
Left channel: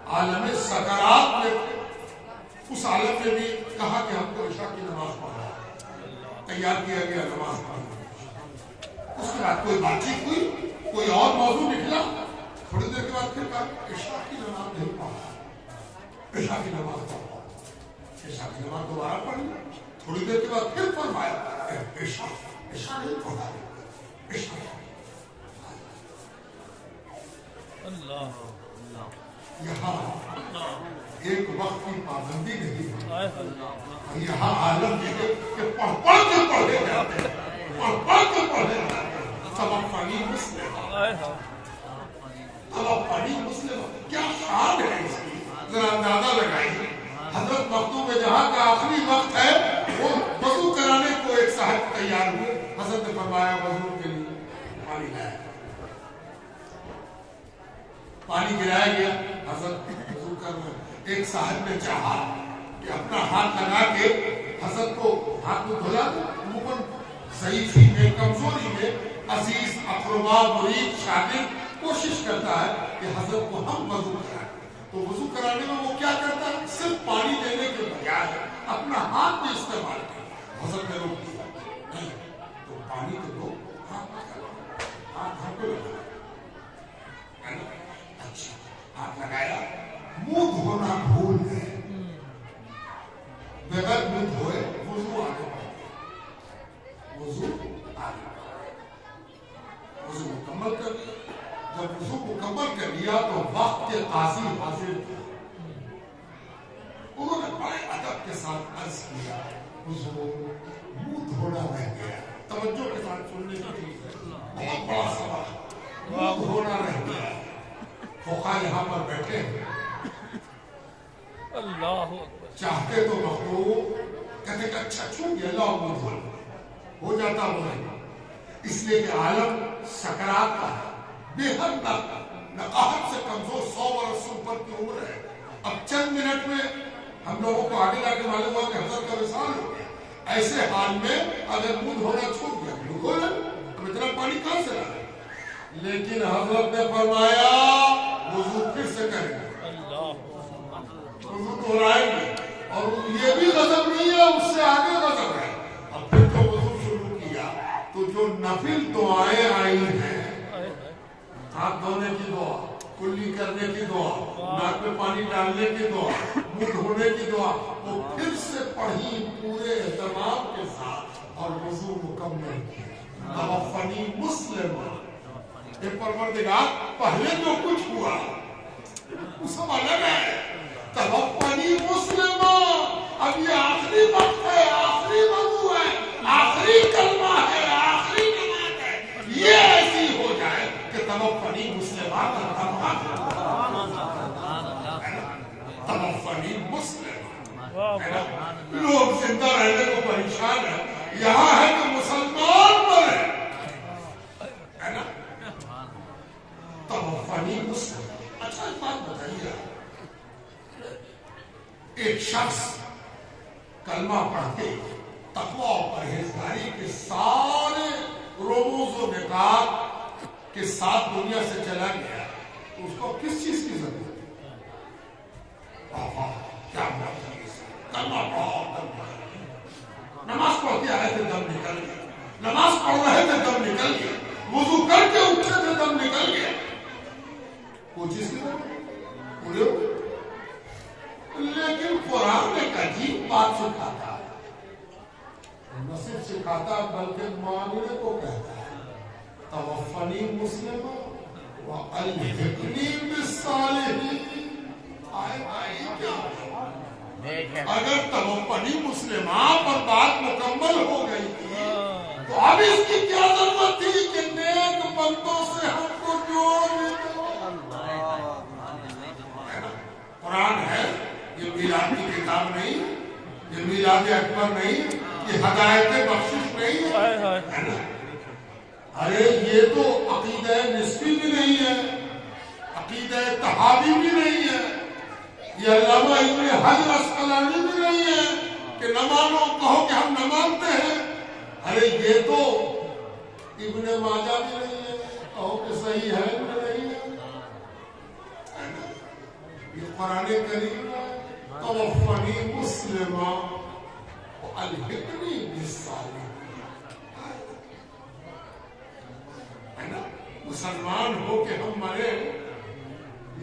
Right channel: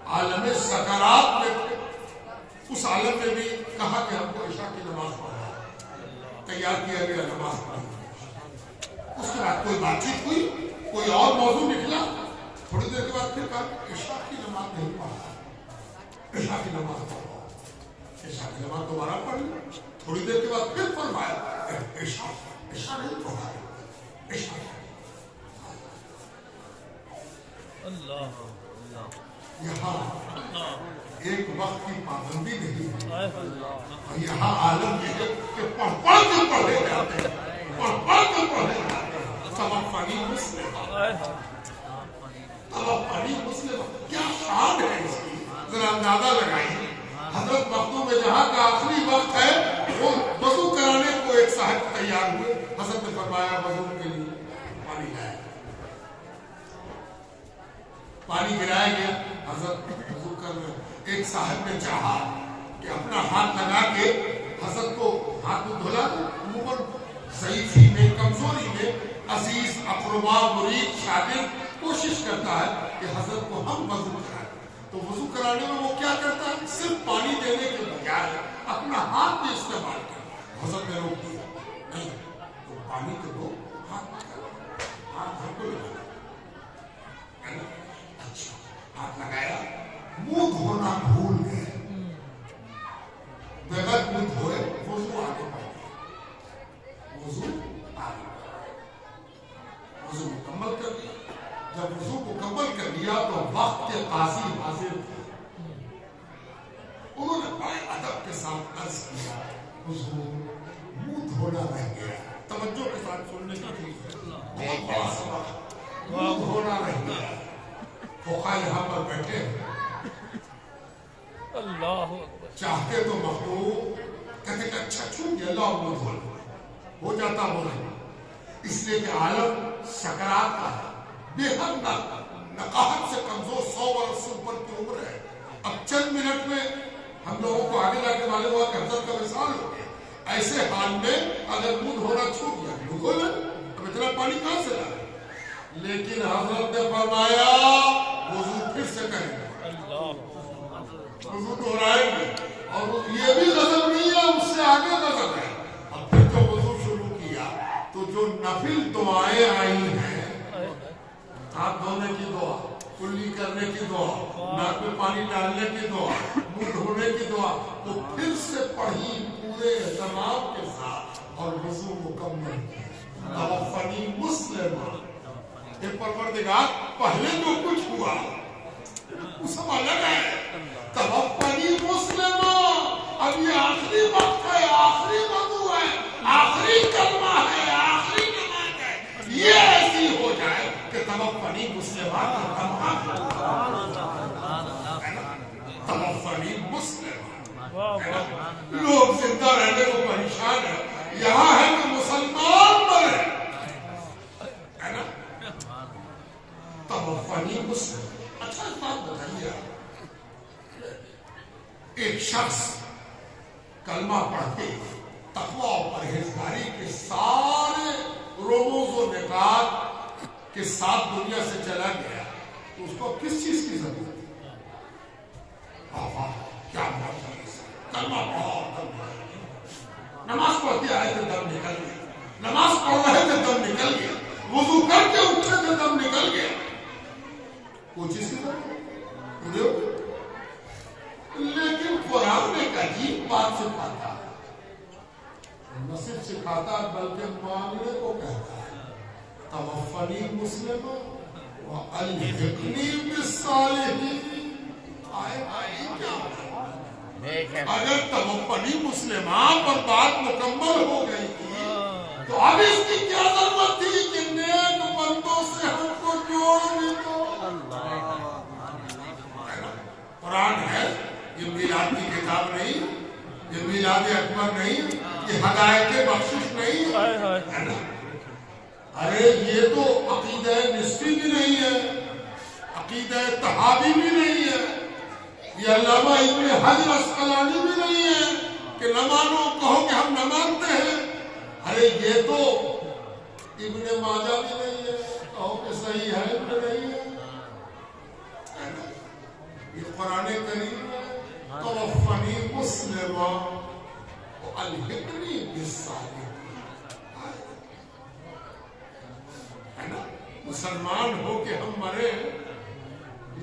عالم سکرات میں تھے. اس عالم میں بھی کہا کہ ہم کو عشاء کی نماز پڑھا، تیار کیا گیا، نماز پڑھی. اس کے بعد کوئی بات چیت ہوئی، کوئی اور موضوع نکلا، تھوڑی دیر کے بعد پھر کہا عشاء کی نماز نہیں پڑھا، عشاء کی نماز پڑھا. عشاء کی نماز دوبارہ پڑھ لی. تھوڑی دیر کے بعد پھر فرمایا عشاء نہیں پڑھا، عشاء. یہاں ایک وقت کی پابندی نہیں ہے، اور یہاں عالم یہ ہے کہ پڑھ کے پڑھے جاتے ہیں، پڑھ کے پڑھے جاتے ہیں. توفنی مسلم، توفنی مسلم، کیا شان ہے اس کی، ذرا اندازہ لگائیے. حضرت مختوم جہاں کا آخری وقت ہے، وہ وضو کرانے کو ایک صاحب تیار ہوئے. حضرت نے فرمایا وضو کے لیے پانی لایا، پانی گرایا گیا. حضرت وضو کر رہے. ایک صاحب نے چاہا کہ اپنا ہاتھ لگا کے حضرت کو ہاتھ کو دھلا دے. عموماً ضعیفی میں، کمزوری میں عزیز اقربا مرید شاگرد کوشش کرتا ہے کہ حضرت کو ہم وضو کرائیں. تو وضو کرانے میں وہ کیا کرتا ہے، صرف پانی دینے کے بجائے اپنا ہاتھ بھی استعمال کیا. حضرت نے روک دیا، نہیں تو پانی کو دو، ہاتھ مت کرو، ہاتھ گھر کو لگا. اچھا ہاتھ لگایا، منہ دھونا بھول گئے، بغیر منہ دھوئے وضو آگے بڑھ گیا. وضو آگے بڑھ گیا، وضو مکمل کر لیا. جب وضو مکمل کر لیا تو وقت کے قاضی حاضر تھے. انہوں نے بڑے ادب کے ساتھ عرض کیا حضور منہ دھونا رہ گیا. توجہ کے ساتھ سننے کا بہت بڑا سبق، منہ دھونا رہ گیا. فقہاء یہاں پر بیٹھے، اللہ چاہتے تو مخلوق کہتے کہ اچھا چھوٹ گیا، اللہ منہ دھو ہو جاتا وہ نہیں. اس لیے کہ عالم سکرات کا ہے، بے حد نقاہت سے کمزور، 100 برس سے اوپر کی عمر ہے. اب چند منٹ میں ہم لوگوں کو آگے جا کے معلوم ہوا کہ حضرت کا وصال ہو گیا. ایسے حال میں اگر منہ دھونا چھوٹ گیا، منہ دھو لیں. اب اتنا پانی کہاں سے لا؟ لیکن حضرت نے فرمایا وضو پھر سے کریں گے، وضو دہرائیں گے، اور یہ بھی غضب نہیں ہے، اس سے آگے غضب ہے۔ اب پھر جو وضو شروع کیا تو جو نفل دعائیں آئی ہیں، ہاتھ دھونے کی دعا، کلی کرنے کی دعا، ناک میں پانی ڈالنے کی دعا، منہ دھونے کی دعا، وہ پھر سے پڑھی پورے اہتمام کے ساتھ اور وضو مکمل کیا۔ توفنی مسلمان، اے پروردگار پہلے جو کچھ ہوا وہ سب الگ ہے، توفنی مسلمان، اب یہ آخری وقت ہے، آخری وضو ہے، آخری کلمہ ہے، آخری نماز ہے، یہ ایسی ہو جائے کہ توفنی مسلمان توفنی مسلمان۔ لوگ زندہ رہنے کو پریشان ہیں، یہاں ہے کہ مسلمان مرے، ہے نا؟ توفنی مسلمان۔ اچھا ایک بات بتائیے، ایک شخص کلمہ پڑھ کے تقویٰ اور پرہیزگاری کے سارے رموز و نکات کے ساتھ دنیا سے چلا گیا تو اس کو کس چیز کی ضرورت ہے؟ کیا بات ہے، کلمہ پڑھو دم نکل گیا، نماز پڑھتے آئے تھے دم نکل گیا، نماز پڑھ رہے تھے دم نکل گیا، وضو کر کے اٹھے تھے دم نکل گیا، کوئی چیز کی ضرورت پورے ہو گئے۔ لیکن قرآن نے ایک عجیب بات سکھاتا ہے، نہ صرف سکھاتا بلکہ ماننے کو کہتا ہے، توفنی مسلم والحقنی بالصالحین۔ کیا اگر توفنی مسلمان پر بات مکمل ہو گئی تھی تو اب اس کی کیا ضرورت تھی کہ نیک بندوں سے ہم کو جوڑ بھی دو؟ قرآن ہے، یہ میلاد کی کتاب نہیں، یہ میلاد اکبر نہیں، یہ ہدایت بخشش نہیں ہے نا؟ ارے یہ تو عقیدہ نسبی بھی نہیں ہے، عقیدہ تحاوی بھی نہیں ہے، یہ علامہ ابن حجر اسقلانی بھی نہیں ہے کہ نہ مانو کہو کہ ہم نہ مانتے ہیں۔ ارے یہ تو ابن ماجہ بھی نہیں ہے، کہو کہ صحیح ہے بھی نہیں ہے۔ یہ قرآن کریم ہے، توفنی مسلما والحقنی بالصالحین، ہے نا؟ مسلمان ہو کہ ہم مرے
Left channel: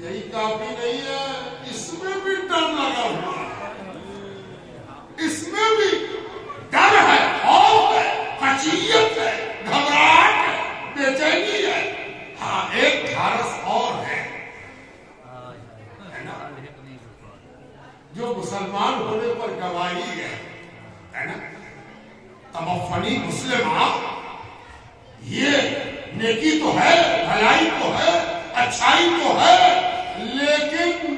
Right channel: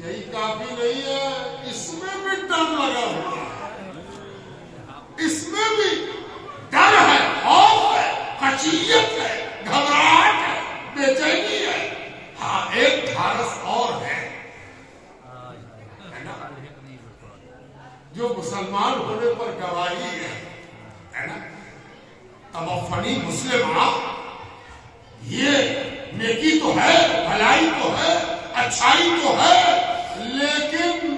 یہی کافی نہیں ہے، اس میں بھی ڈر لگا ہوا ہے، اس میں بھی ڈر ہے، خوف ہے، خشیت ہے، گھبراہٹ ہے، بے چینی ہے۔ ہاں ایک دھارس اور ہے نا، جو مسلمان ہونے پر گواہی ہے نا، توفنی مسلمہ، یہ نیکی تو ہے، بھلائی تو ہے، اچھائی تو ہے، لیکن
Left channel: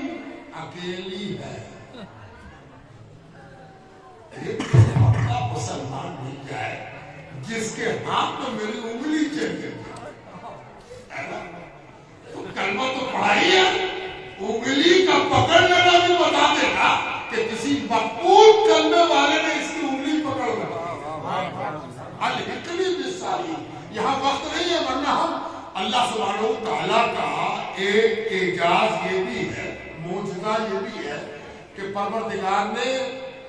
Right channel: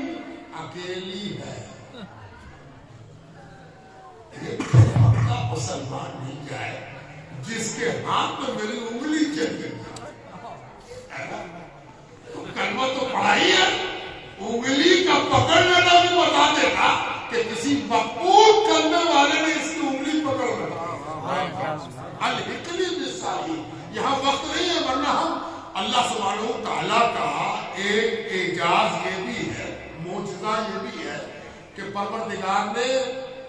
اکیلی ہے۔ مسلمان نہیں جائے جس کے ہاتھ میں میری انگلی چل گئی، تو کلمہ تو پڑھا ہی ہے، انگلی کا پکڑ لینا بھی بتا دینا کہ کسی مقبول کرنے والے نے اس کی انگلی پکڑ لگا۔ الحقنی بالصالحین، یہاں وقت نہیں ہے، ورنہ ہم اللہ سبحانہ وتعالیٰ کا ایک اعجاز یہ بھی ہے، معجزہ یہ بھی ہے کہ پروردگار نے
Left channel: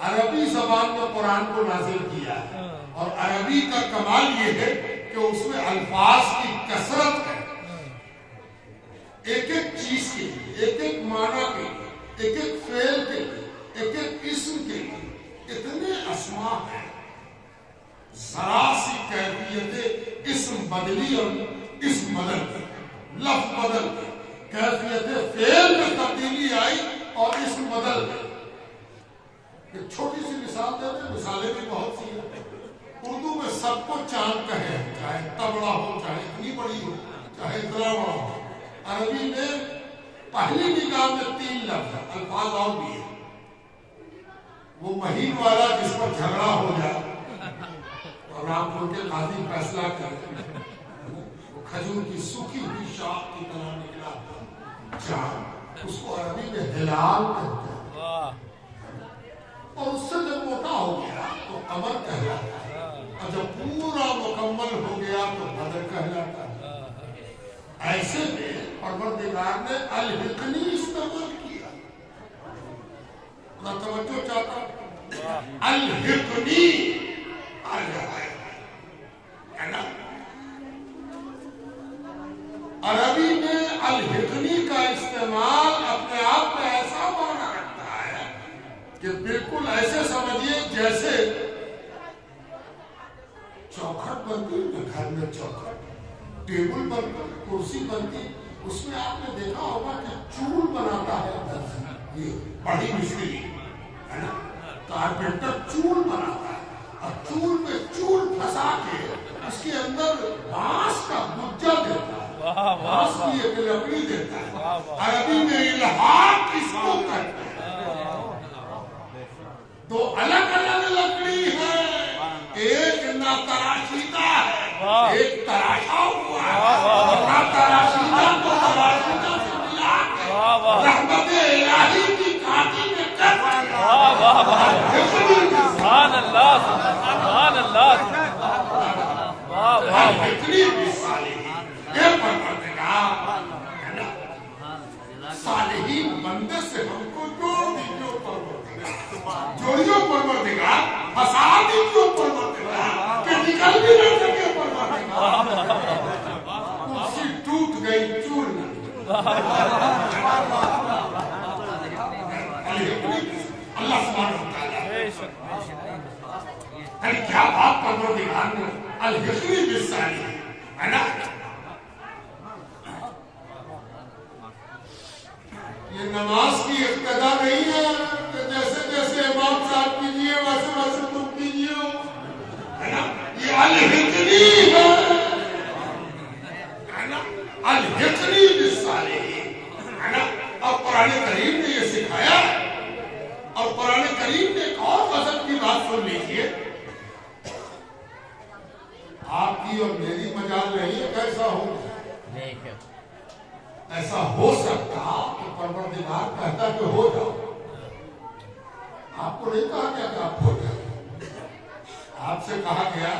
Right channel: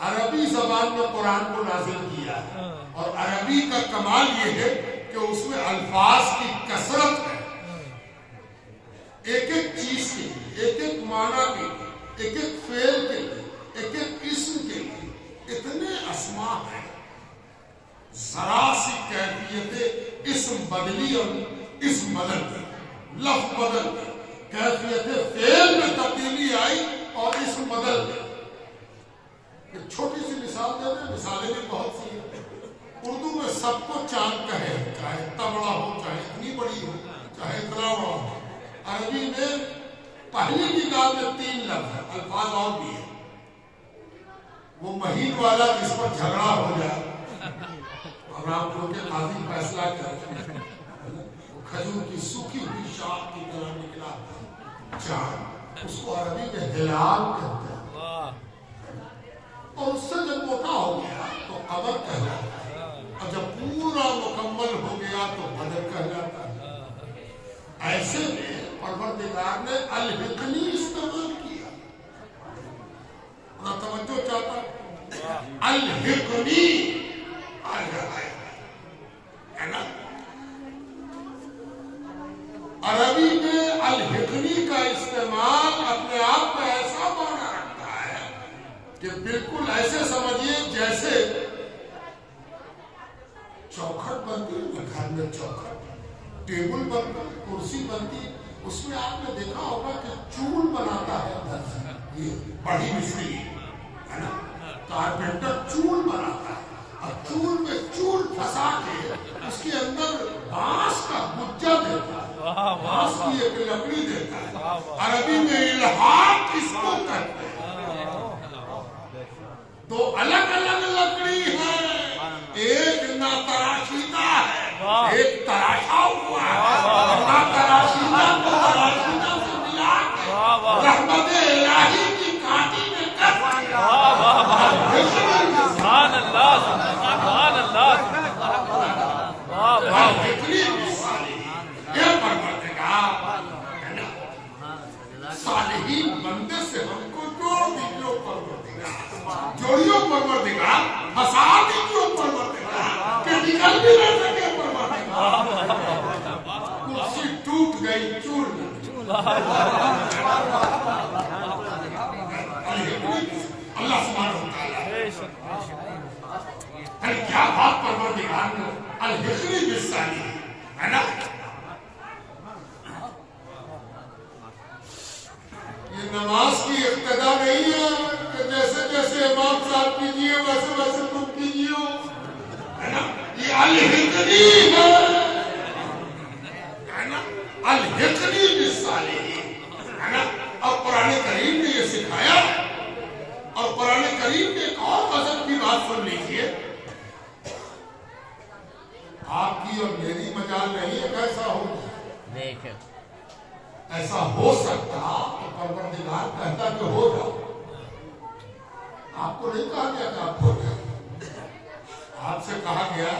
عربی زبان میں قرآن کو نازل کیا ہے، اور عربی کا کمال یہ ہے کہ اس میں الفاظ کی کثرت ہے، ایک ایک چیز کے لیے، ایک ایک معنی کے لیے، ایک ایک فعل کے لیے، ایک ایک اسم کے لیے اتنے اسماء ہیں، ذرا سی کیفیت اسم بدلی اور اسم بدل گئی، لفظ بدل گئی، کیفیت فعل میں تبدیلی آئی اور اسم بدل گئی۔ ایک چھوٹی سی مثال دے دیں، مثالیں بھی بہت سی ہیں۔ اردو میں سب کو چاند کہے، چاہے اتنا بڑا ہو، چاہے اتنی بڑی ہو، چاہے اتنا بڑا ہو۔ عربی میں پہلی نگاہ میں 3 لفظ ہیں، الفاظ اور بھی ہیں۔ وہ مہین والا جس پر جھگڑا ہو جائے اور رامپور کے قاضی فیصلہ کرے، وہ کھجور کی سوکھی ہوئی شاخ کی طرح نکلا چاند، اس کو عربی میں ہلال کہتے ہیں، اور اس سے جب موٹا ہو گیا تو قمر کہلاتا ہے۔ اور جب پورا مکمل ہو گیا تو بدر کہلاتا ہے. ایسے میں پروردگار نے الحقنی استعمال کیا. اور توجہ چاہتا الحقنی ہے نا. عربی میں الحقنی کا استعمال اپنے آپ میں ایسا معنی رکھتا ہے کہ بالکل ایسے سمجھیے جیسے چوکھٹ بنتی ہے گھر میں. چوکھٹ ٹیبل بنتا کرسی بنتی اس میں آپ نے دیکھا ہوگا کہ چول بناتا ہے درزی. یہ بڑی مستری ہے نا کارپینٹر چول بناتا ہے اور چول میں چول پھنسا کے اس کے اندر بانس کا گجا دیتا ہے. بانس کی ایک لکڑی دیتا ہے. عربی میں الحاق اس کو کہتے ہیں. دو الگ الگ لکڑی ہے. ایک نہ تراشیدہ ہے ایک تراشا ہوا ہے. نہ تراشیدہ کو تراشیدہ سے ملا کے رحمت الہی کی کانٹی میں کر دیا. سبحان اللہ سبحان اللہ. واہ واہ اتنی مثالیں یہ پروردگار صالحین بندے سے ہم کو جوڑ دیجیے پروردگار. جوڑیو پروردگار. ہسا دیجیے پروردگار کہ نکل بھی نہ سکے پروردگار. کرسی ٹوٹ گئی چور اللہ سبحانہ وتعالی کیا بات پروردگار نے الحقنی بالصالحین ہے نا. یہ نماز کی اقتدا نہیں ہے کہ جیسے جیسے امام صاحب کیجیے ویسے ویسے تم کیجیے ہے نا. یہ الحقنی ہے نا الحقنی بالصالحین ہے نا. اور قرآن کریم نے یہ سکھایا. اور قرآن کریم نے ایک اور غضب کی بات سن لیجیے. آپ کی اور میری مجال نہیں ہے کیسا ہو. ایسا ہو سکتا کہ پروردگار کہتا کہ ہو جاؤ. آپ کو نہیں کہا گیا کہ آپ ہو جائے. آپ سے کہا گیا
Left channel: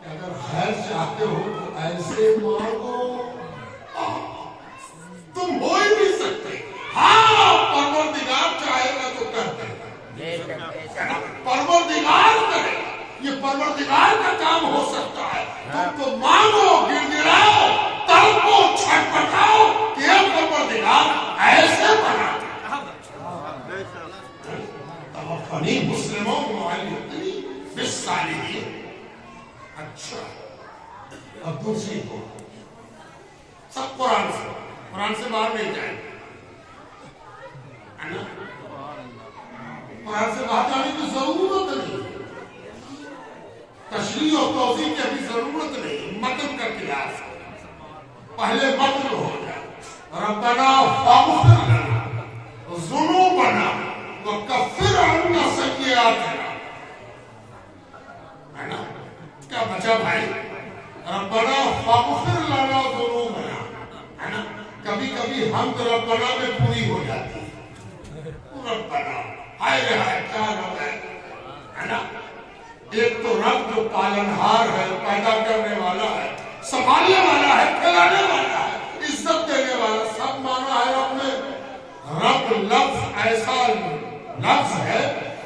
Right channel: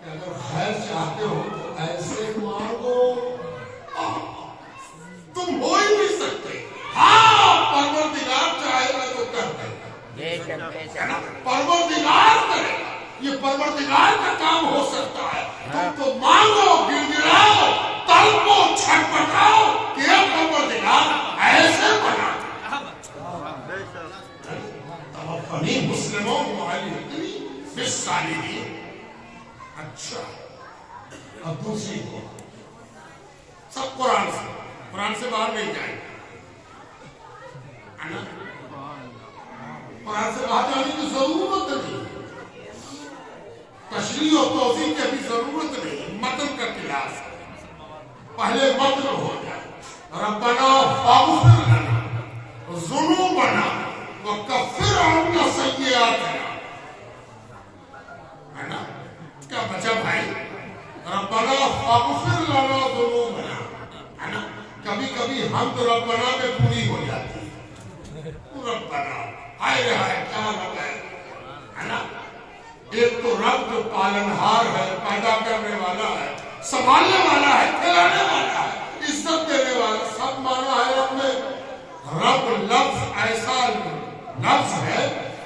کہ اگر خیر چاہتے ہو تو ایسے مانگو. تم ہو ہی نہیں سکتے. ہاں پروردگار چاہے گا تو کرتے ہیں. پروردگار کرے گا. یہ پروردگار کا کام ہو سکتا ہے. تم تو مانگو گر گراؤ تڑپو چھٹپٹاؤ کہ یہ پروردگار ایسے بنا دے. توفنی مسلموں معلومتنی بالصالحین. اچھا اور دوسری کو سب قرآن سے باہر نہیں جائیں گے. قرآن سے باہر جانے کی ضرورت نہیں. تشریح اور توضیح کی ابھی ضرورت نہیں. متن کا کلاس پہلے متن ہو جائے. ربنا فاغفر لنا ذنوبنا وکفر عنا سیئاتنا ہے نا. کیا بچا بھائی. ربنا فاغفر لنا ذنوبنا ہے نا. کبھی کبھی حمد ربنا میں پوری ہو جاتی ہے. ربنا ہائے ہائے کیا رب ہے نا. ایک تو رب جو پالنہار ہے پیدا کرنے والا ہے سنبھالنے والا ہے کھلانے والا ہے عزت دینے والا سب مانا ہے. رب میں رب لفظ ایسا لفظ ہے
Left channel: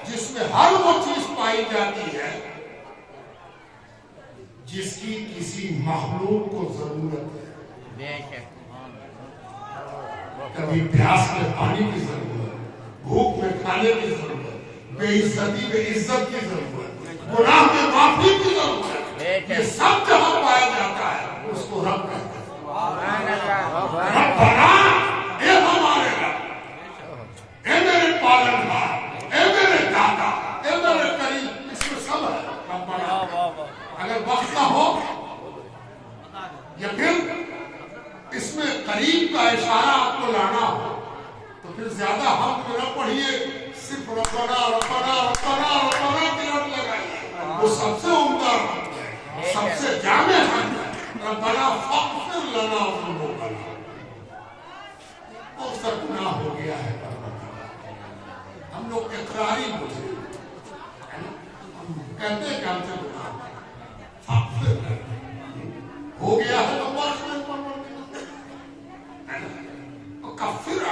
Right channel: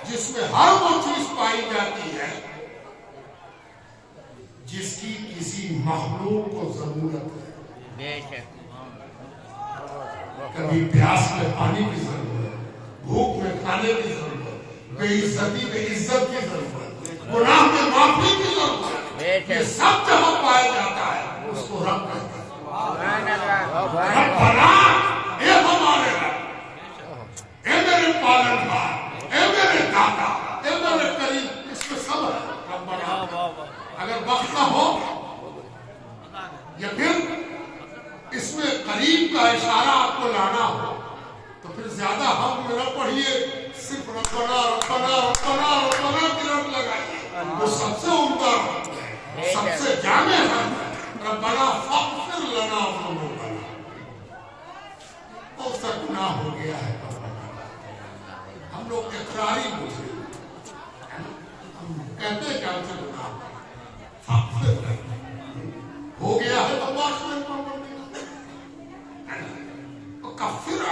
جس میں ہر وہ چیز پائی جاتی ہے جس کی کسی مخلوق کو ضرورت ہے. کبھی پیاس میں پانی کی ضرورت, بھوک میں کھانے کی ضرورت, بے عزتی میں عزت کی ضرورت, گناہ میں معافی کی ضرورت. یہ سب جہاں پایا جاتا ہے اس کو رب کہتے ہیں. رب بنا اے ہمارے رب, اے میرے پالنہار, اے میرے داتا, اے میرے کریم. اس میں سب ہے رب بنا. اگر وقت نہ ہو یا پھر اس میں قریب کا اشارہ آپ کو لانا ہو تو پھر زیادہ حمد میں نہ پڑھیے, صرف ربنا ربنا ربنا ربنا کی رٹ لگائیے. وہ سب سے عمدہ حمد ہے, سب سے جامع حمد ہے. ربنا فاغفر لنا ذنوبنا. اور سب گناہ ہو گیا ہے ہم لوگ اقراری مجرم کہتے ہیں کہ ہم سے گناہ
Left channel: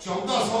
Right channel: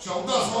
1400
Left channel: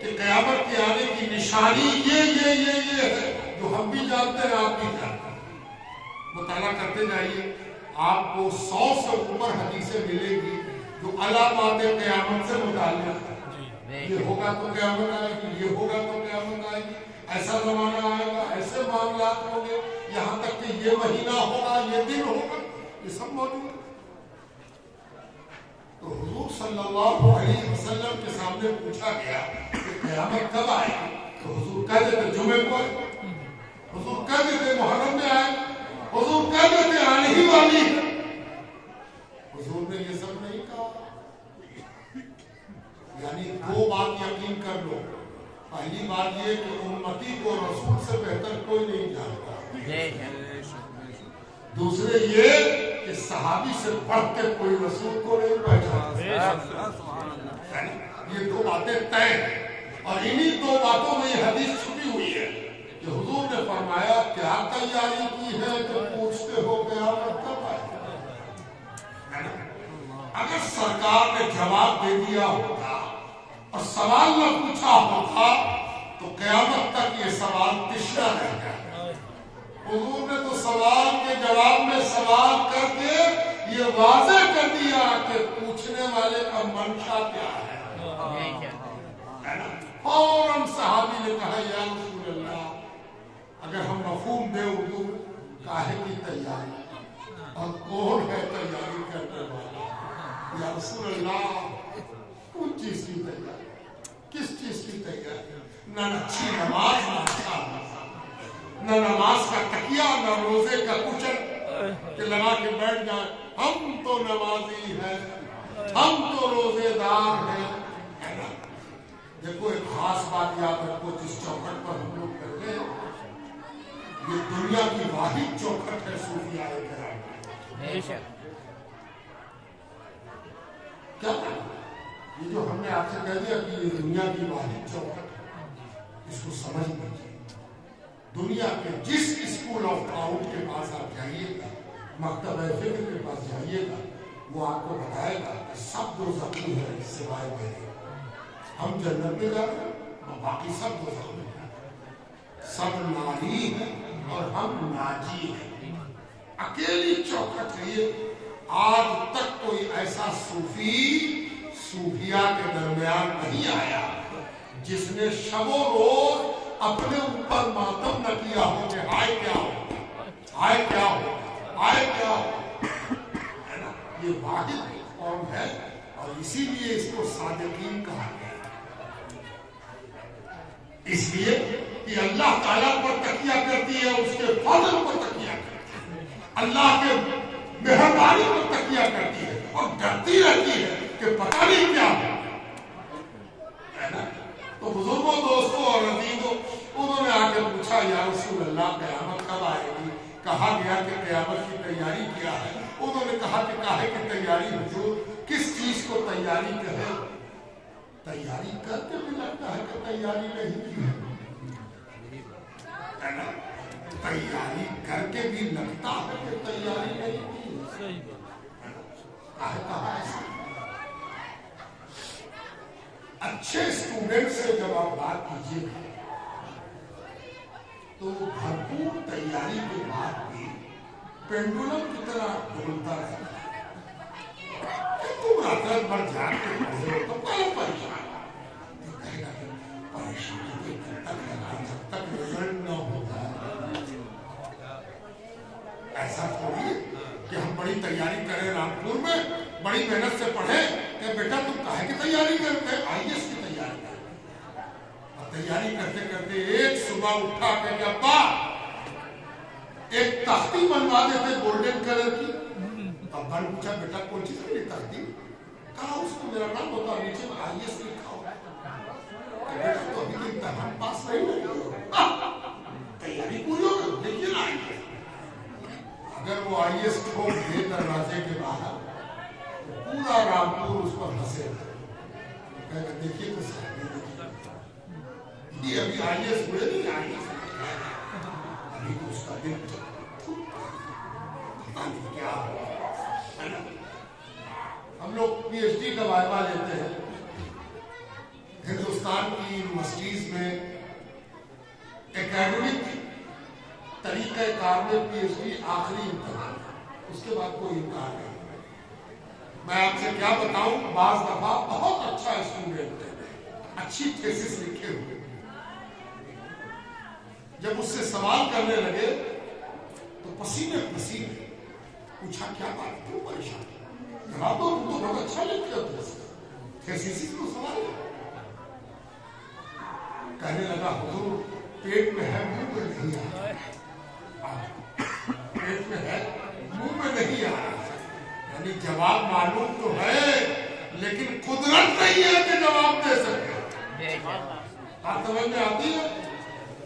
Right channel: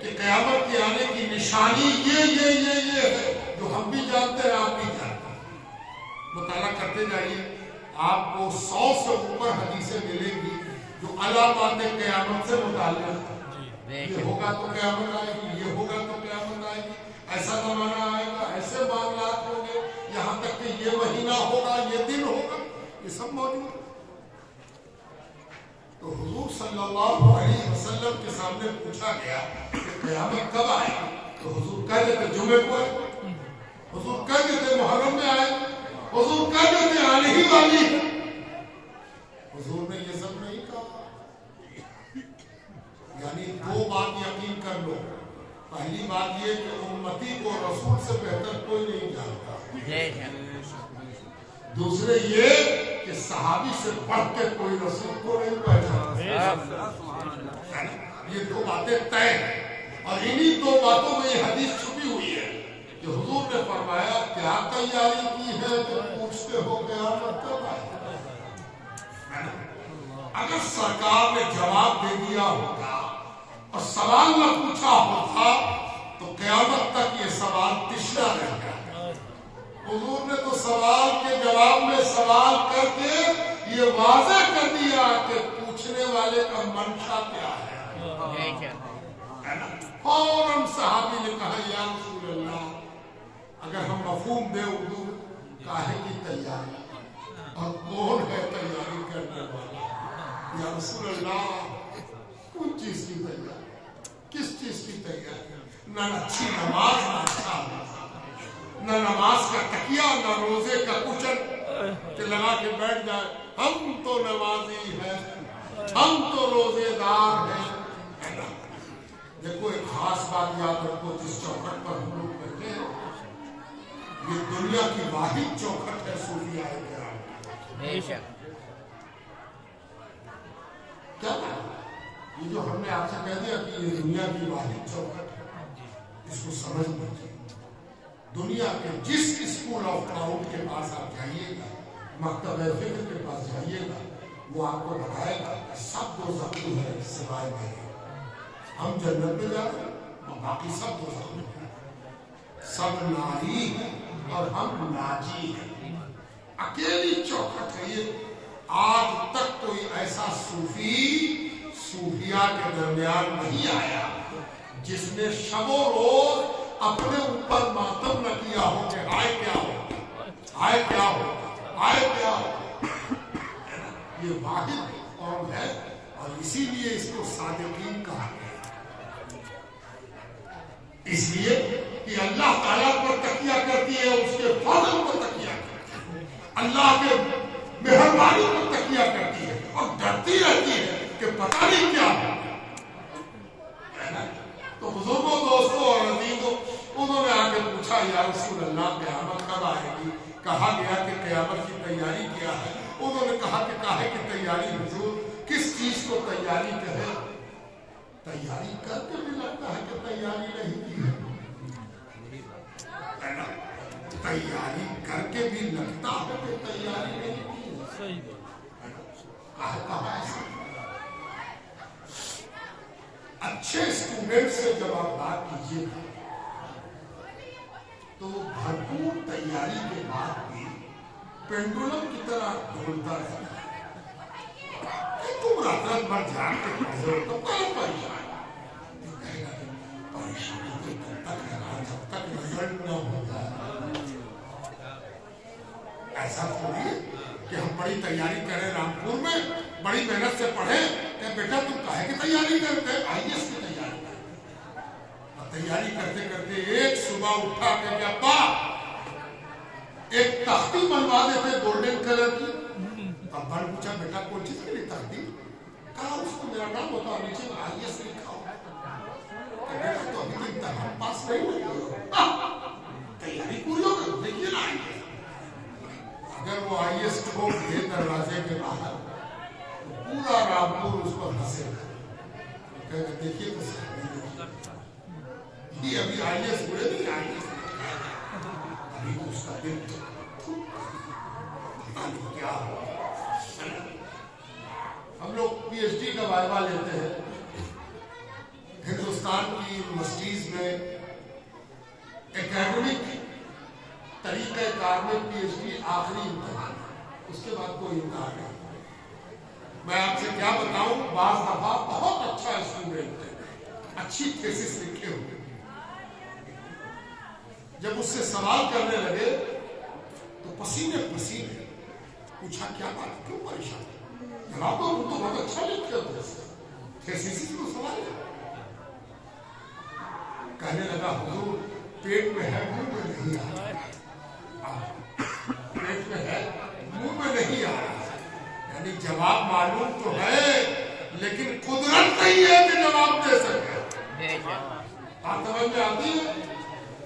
کہ قیامت کے آنے کی نشانی یہ ہے جو ہم بھی جانتے ہیں آپ بھی جانتے ہیں. مطالعہ کرتے جائیے، آپ کو 100 سے اوپر حدیثیں ملیں گی جو علامات قیامت سے متعلق ہے. یہ ہوگا تو قیامت آئے گی، یہ ہوگا تو قیامت آئے گی، ایسا زمانہ آئے گا، ایسے معاملات ہوں گے، یہاں تک کہ یہ مہینہ ہوگا، یہ دن ہوگا، یہ سب موجود ہے. تو حضور صلی اللہ علیہ وسلم کے سامنے پوچھا گیا کہ قیامت کب آئے گی؟ تو حضور کہہ دیتے جمعے کو آئے، حضور کہہ دیتے محرم میں آئے، حضور کہہ دیتے آنے ہی والی ہے. حضور نے یہ سب نہیں کہا. یعنی 2 بات یقین کر لو. پہلی بات یہ کہ امتی کو رسول سے بہتر کوئی نہیں جانتا. دوسرے یہ کہ صحابی سے بڑھ کے کوئی رسول کو نہیں پہچانتا. یہ 2 باتیں طے ہیں، اور انہی 2 باتوں میں یہ حدیث چھپی ہوئی ہے کہ حضور نے فرمایا کیا تیاری کی ہے کہ پوچھتے ہو قیامت کب آئے. اگر سرکار نے جواب دے دیا ہوتا اور سوال نہ پوچھا ہوتا تو قیامت تک یہ سوال تشنا رہ جاتا. حضور نے تو سوال کے جواب میں سوال کر کے یہ واضح کر دیا کہ پوچھنے والے کا منشا کیا ہے. فوراً صحابی نے کہا یا رسول اللہ، اگر ہم مفہوم دیں اردو میں، کاہے کی تیاری اور کون ہے تیاری کرنے والا؟ یا رسول اللہ کون چیز کی تیاری، کس چیز کی تیاری؟ نہ اچھی نماز، نہ اچھا نہ نماز کا تکیہ، نہ روزے کا کچن کہ لگا کے بیٹھ جائے ہم تو نمازی ہیں، ہم تو روزے دار ہیں. دیکھو ایک خاص بات یاد رکھو، جس چوکھٹ پر ہم لوگ بیٹھے ہیں یہ دنیا کی واحد چوکھٹ ہے صوفیاء کرام. کیا یہ جو ہم نے آپ سے کہہ دیا کہ یہ دنیا کی واحد چوکھٹ ہے، اس کو سمجھ لیجیے. دنیا کے جس اسکول آف تھاؤٹ کے پاس آپ جائیے گا، مکتبہ فکر کے پاس جائیے گا، وہ آپ کو بتائے گا کہ سب دوزخ ہے سوائے میرے. ہم جنت میں جاتے ہیں اور باقی سب دوزخ میں جاتے ہیں. سب ناری ہیں اور ہم ناجی ہیں. اکیلی چوکھٹ ہے یہ. آج تک کوئی ایسا صوفیاء کے درمیان نہیں آیا جس نے شب و روز اپنے اوپر ماتم نہ کیا ہو کہ ہائے کیا ہو، ہائے کیا ہو، ہائے کیا ہو. یہ واحد قوم ہے اور اسی لیے اس کو صادقین کہا گیا. اس لیے کہ اللہ تعالیٰ پر تکیہ کرتی ہے، اس کے فضل پر تکیہ کرتی ہے، اللہ کے مہربانی پر تکیہ کرتی ہے اور ڈرتی رہتی ہے کہ پتہ نہیں کیا ہے نا. تو بزرگوں، دوستوں اور عزیزوں، انہوں نے آ کے پوچھا یا رسول اللہ قیامت کب آئے گی؟ کہا گیا کہ قیامت کی تیاری کیا ہے. انہوں نے کہا کہ کاہے کی تیاری حضور، کس چیز کو تیاری کہے؟ تیاری کر کے بھی لگتا ہے کہ تیاری نہیں کی ہے. تیاری کر کے بھی لگتا ہے کہ تیاری نہیں کی. کہا ایسا اچھے اسٹوڈنٹ سے جب آپ بات کیجیے گا تو بھرپور تیاری کے بعد بھی پینڈولم کی طرح ڈولتا رہتا ہے. تم رات رات بھر جاگ کے پڑھے ہو تو کیا پریشانی تک ہے جب تک رزلٹ نہ ہو جائے. ایسا تھوڑی ہے کہ ہم بڑی تیاری کریں رامپور میں، بڑی محنت سے پڑھیں کہ بیٹا تم کاہے کی تیاری کرتے ہیں؟ آئی ایس کی تیاری کرتے. اور تیاری کرتے کرتے ایک صبح اٹھا کہ ابا ایک تختی بنوا دیتے گولڈن کلر کی. ابا نے پوچھا بیٹا کون چیز کے لیے تختی؟ کہا اس کو میرا نام ہوتا اور نیچے میں آئی ایس لکھا ہو. بیٹا تو ابھی تو امتحان پاس نہیں ہو، تیاری پوری ہو گئی، دیکھیے نا آئی ایس. اگر وہ آئی ایس ٹھوک دے دروازے کے باہر تو پورا رامپور اس پر ہنسے گا. دیکھیے تو یہ ابھی آئی ایس ہوئے نہیں، آئی ایس ابھی تو اس کا دل پتا نہیں کیا ہو. ہم لوگ پی ایچ ڈی کا وائبہ لیتے ہیں. ہندوستان کی یونیورسٹیز میں اکیڈمک طریقہ کار میں پی ایچ ڈی آخری امتحان، اس کے بعد کوئی امتحان نہیں۔ میں آپ سے کیا بتاؤں، بعض دفعہ بہت اچھا اسٹوڈنٹ اچھی تھیسس لکھے ہوئے، جب اس سے سوال کرنے لگے تو پسینے پسینے پوچھا کیا بات، کیوں پریشان؟ جواب تو تم تو بہت اچھا لکھتے ہو، تھیسس تو سوال ہے۔ کہنے لگا حضور پیٹ میں ہے منہ میں نہیں آ رہا، پیٹ میں ہے منہ میں نہیں آ رہا، یعنی جواب معلوم تو ہے لیکن قدرت نہیں ہے کہ جواب دے سکے۔ آپ سمجھ میں آتی ہے؟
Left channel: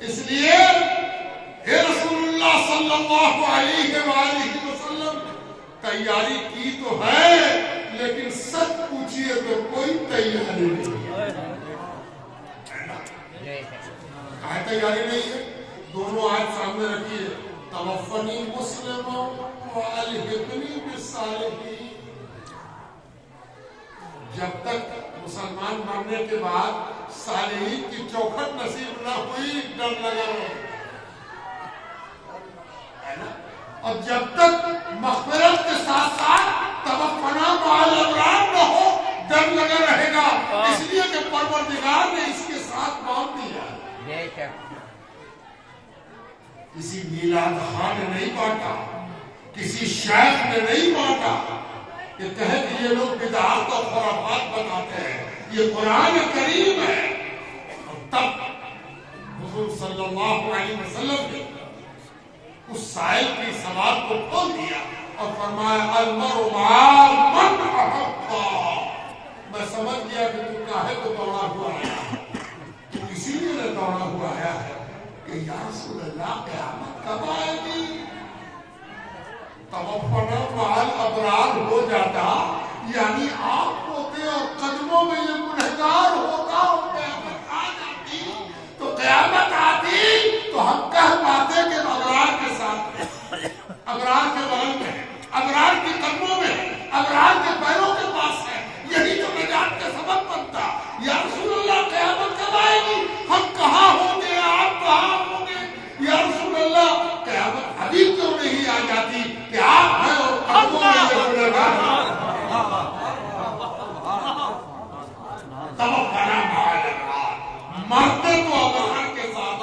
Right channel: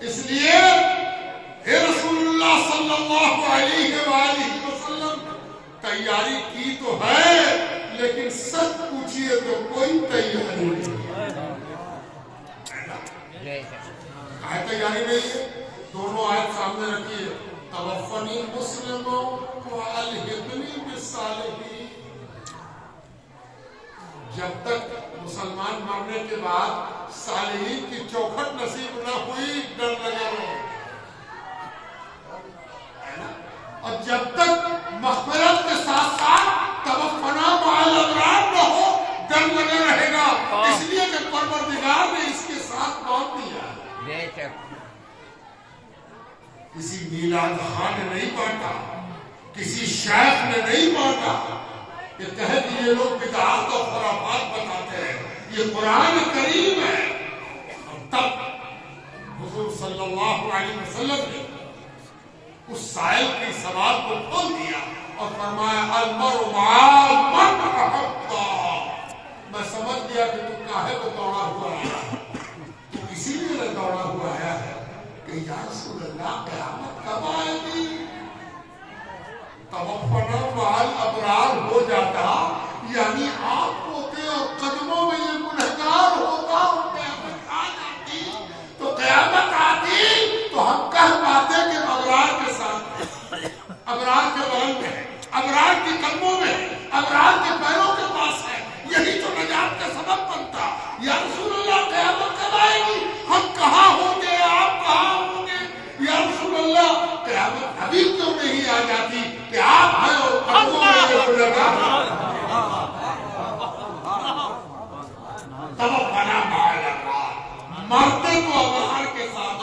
اس لیے اے رسول اللہ صلی اللہ علیہ وآلہ وسلم تیاری کی تو ہے لیکن سچ پوچھیے تو کوئی تیاری نہیں ہے۔ کہاں تیاری نہیں ہے؟ دونوں آیت سامنے رکھیے، توفنی مسلموں والحقنی بالصالحین۔ جب تک مسلمان مرنے کے بعد صالحین کی چوکھٹ نصیب نہ ہوئی ڈر لگا رہے، اور جب تک مغفرت کے ساتھ ساتھ توفنا مع الابرار نہ ہو ڈر لگا رہے گا، اس لیے کہ پروردگار نے اس کے ساتھ باندھ دیا۔ کسی میلاد خان نے نہیں بانٹا، کسی شیخ نے نہیں بانٹا کہ کہے کہ یہ لوگ بدعات اور خرافات بتاتے ہیں، یہ قرآن کریم ہے۔ اور تب حضور صلی اللہ علیہ وسلم نے اس سائل کی سوال کو کھول دیا اور فرمایا المرء مع من احب۔ میں سمجھ گیا کہ تم کاہے کو دوڑا ہوا آیا، تو اسی لیے نہ دوڑا ہوا آیا ہے کہ یا رسول اللہ قیامت کب آئے گی؟ توفنا مع الابرار ہو جاتا یعنی آپ ہوتے اور قدموں میں یہ گنہگار ہوتا اور قیامت آ جاتی، تو قیامت آتی تو ہم کہہ پاتے کہ ابرار کے ساتھ، ابرار کے بغل میں ہے، ابرار کے قدموں میں ہے، ابرار کے پیروں کے پاس ہے، یہی تو نجات کا سبب بنتا۔ یا رسول اللہ قیامت کب آئے گی؟ ہم کہاں ہوں گے، آپ کہاں ہوں گے؟ یا رسول اللہ قیامت ابھی کیوں نہیں آ جاتی کہ آپ ہیں اور قدموں میں یہ گنہگار ہیں؟ توفنا مع الابرار، مرتے تو ابرار کے ساتھ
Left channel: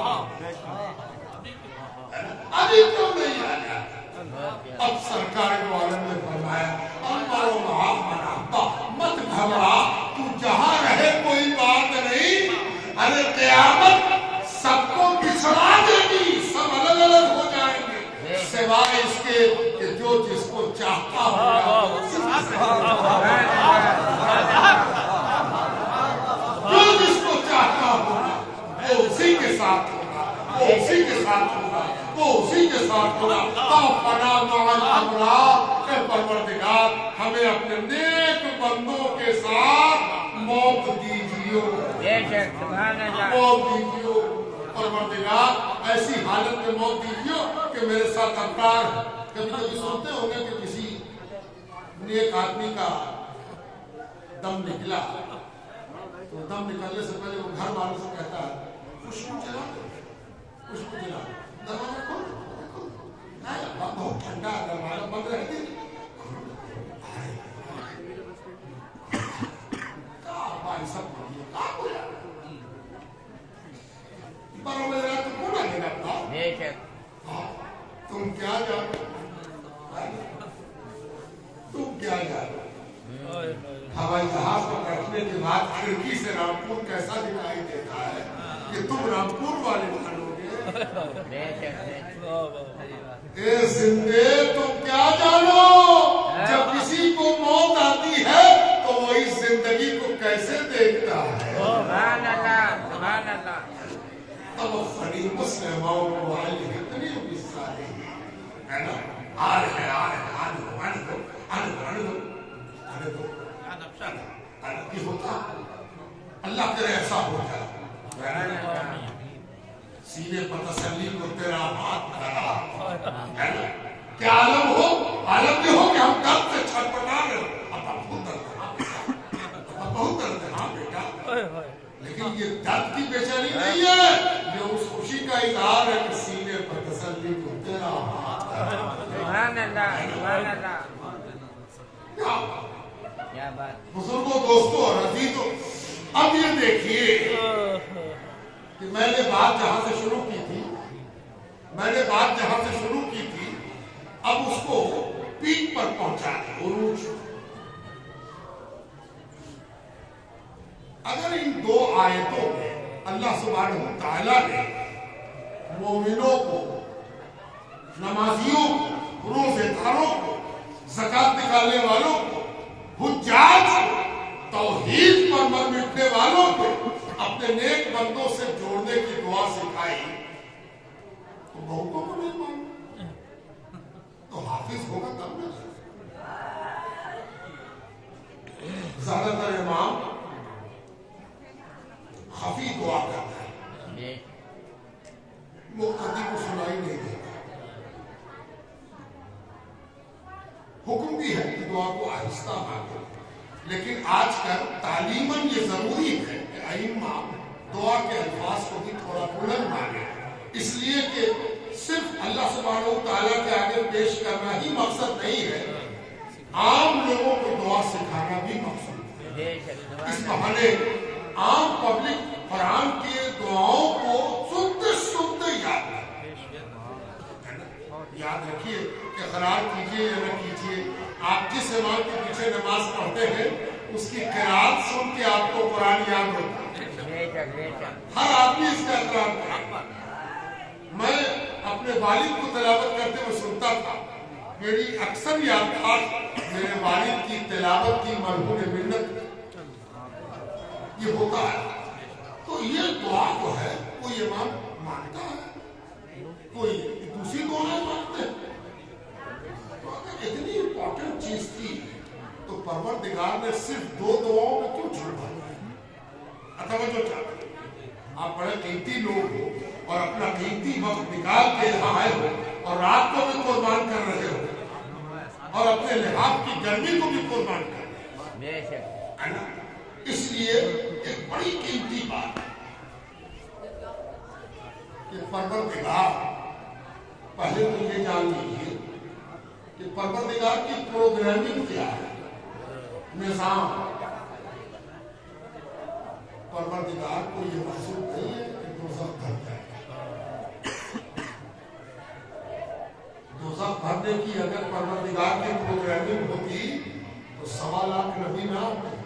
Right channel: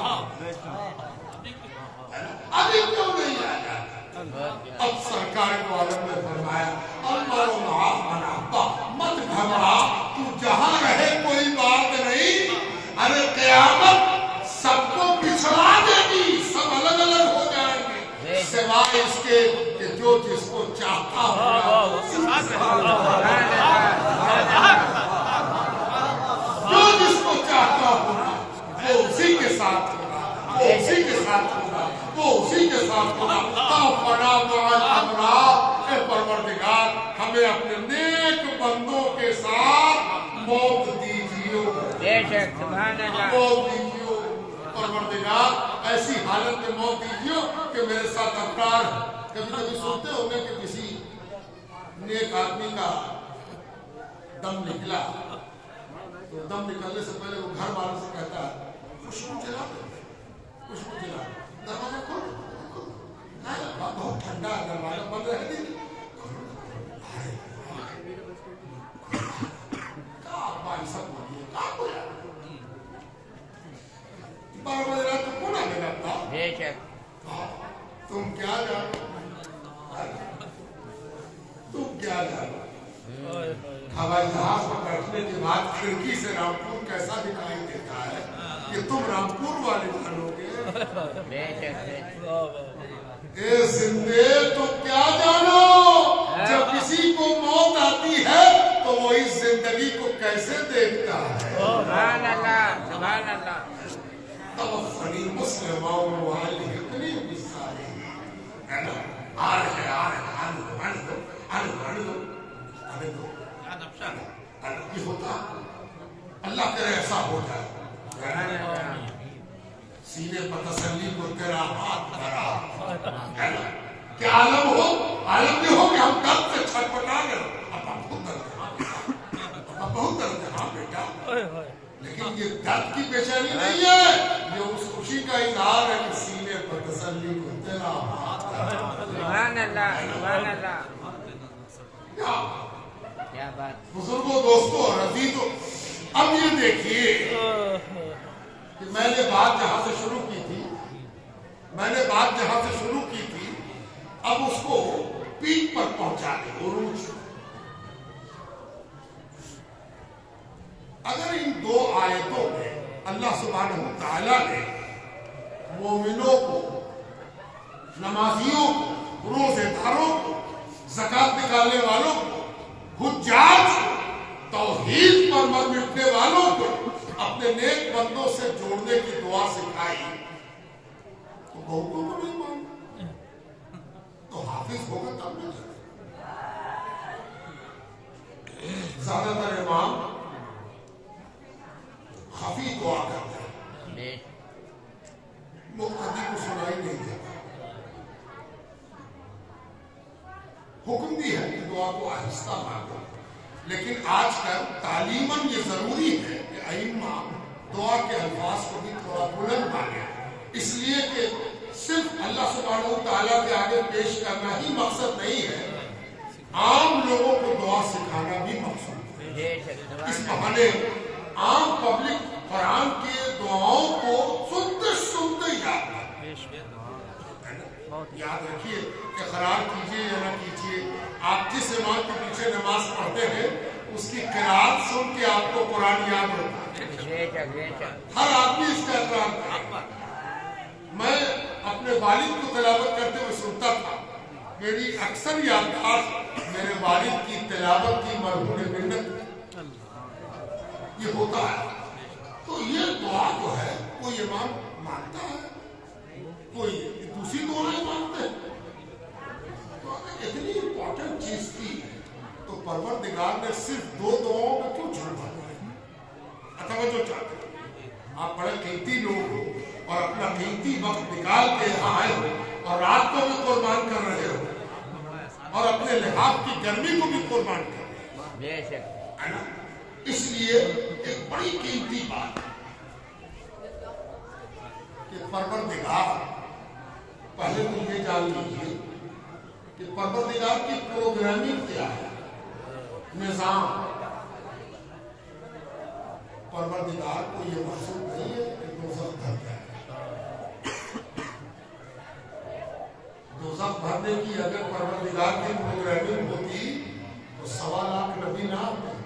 ابھی کیوں نہیں آ جاتی؟ اب سرکار دو عالم نے فرمایا المرء مع من احب، مت گھبرا، تو جہاں رہے کوئی بات نہیں، ارے قیامت سب کو بچھڑا دے گی، سب الگ الگ ہو جائیں گے، سوائے اس کے کہ جو جس کو چاہتا ہوگا، جو جس کو چاہتا ہوگا وہ اسی کے ساتھ ہوگا، وہ اسی کے ساتھ ہوگا، وہ اسی کے ساتھ ہوگا۔ توفنا مع الابرار، اے پروردگار ہمیں اپنے نیک بندوں کے ساتھ موت دیجیو، موت دیجیو پروردگار، ایسی حالت میں موت دیجیو کہ میرے ساتھ ابرار ہے۔ کبھی کبھی سنتے ہوں گے کہ کسی نیک آدمی کا دم نکلا تو دم نکلنے سے پہلے وہ گھر والوں سے کہتا ہے خوشبو جلا دو، خوشبو جلا دو، دروازہ کھولو، نہیں ابا بہت ٹھنڈا ہے، دروازہ بند رہے گی، سب بولیے کہاں بولا 12 بج رہا تو کون آنے لگتا؟ تم کیا جانو، تم کیا جانو؟ ہوائی جہاز پر بیٹھنے کے بعد کھڑکی سے رامپور کیسا دکھائی دیتا ہے یہ تم رامپور والے جانو گے۔ اے زندے تم کیا جانو، جب کسی کو موت آتی ہے تو وہ اس زندگی کو کیسے دیکھتا ہے۔ سبحان اللہ، سبحان اللہ۔ توفنی مسلموں والحقنی بالصالحین، آ رہے آنے دو یہ ہوتا، اللہ کرے ایسا ہو جائے، سینے پر تسلی کو تیرا ہاتھ دھرا، کیا عالم ہو، عالم یہ ہو کہ ہم درد سے چھٹپٹا رہے ہو، اب بہت درد ہے، اب بہت درد ہے، ہاں بیٹا لیکن یہ درد کی بے چینی نہیں ہے، یہ اس خوشی کا اظہار ہے کہ سینے پر تسلی کو تیرا ہاتھ ہے۔ بزرگوں، دوستوں اور عزیزوں، اب یہ دیکھیے کہ میں نے بات جہاں سے شروع کی تھی، اب اس کو پیک پر پہنچا دیں، عروج۔ اگر ان دو آیتوں میں اللہ سبحانہ وتعالی نے مومنوں کو، نمازیوں کو، روزے داروں کو، زکات نکالنے والوں کو، حجاج کو، توحید پر مر مٹنے والوں کو اپنے نیک بندوں سے جوڑنے کی دعا سکھائی، تو بہتوں کو نہیں مانا تو حافظ ہوگا تب نہ جانا۔ زیادہ تر امام خفی دعا کرتے ہیں، مقتدی کو سنائی نہیں دیتا۔ حکم بھی ہے کہ دعا کو آہستہ مانگو، لیکن آج کل تعلیماً یہ ضروری ہے کہ ائمہ دعا کے الفاظ کو بھی تھوڑا بلند مانگے، اس لیے کہ صرف اللہ سبحانہ وتعالیٰ کے آگے پیش کرنا ہی مقصد نہیں ہے، عام لوگوں کو دعا سکھانا بھی مقصود ہے۔ اس بہانے عام پبلک قرآن کی دعاؤں کو سنتے سنتے یاد رکھیے کہ قرار کیجئے یا نہ کیجئے، آپ جس امام کے پیچھے نماز پڑھتے ہیں اس کی قرات سن کے آپ کو قرآن یاد ہوتا ہے، ہر آدمی اس کا اقرار کرتا۔ میں اپنے والد کو تلاوت کرتے ہوئے سنتا تھا، میری اکثر یادداشت میرے والد کی تلاوت کی مرہون منت یہ ہوتا ہے۔ تو یہ دعا جو ہے کوئی امام مانگتا ہے، کوئی دوسری دعائیں مانگتے ہیں، تو اتنی امپورٹنٹ چیز تھی تو پروردگار نے صرف دو دعاؤں میں کیوں چھوڑا؟ توجہ چاہتے ہیں، آپ بڑے قیمتی لوگ ہو اور اپنا قیمتی وقت نکال کے یہاں آئے ہو اور رات کو بھی قربان کر رہے ہو اور اپنے لحاظ کی گرمی کو بھی قربان کر رہے ہو، اس لیے ایک بڑی قیمتی بات ہے کہ پروردگار، پہلے تو یہ جان لیجیے کہ پروردگار کی پروگرامنگ کیا ہے، نظام۔ پروردگار کو یہ مقصود نہیں ہے کہ دوزخ بھر جائے، دوزخ بھرنے کی اگر پروردگار کی پروگرامنگ ہوتی تو 1.25 لاکھ نبی نہ آتے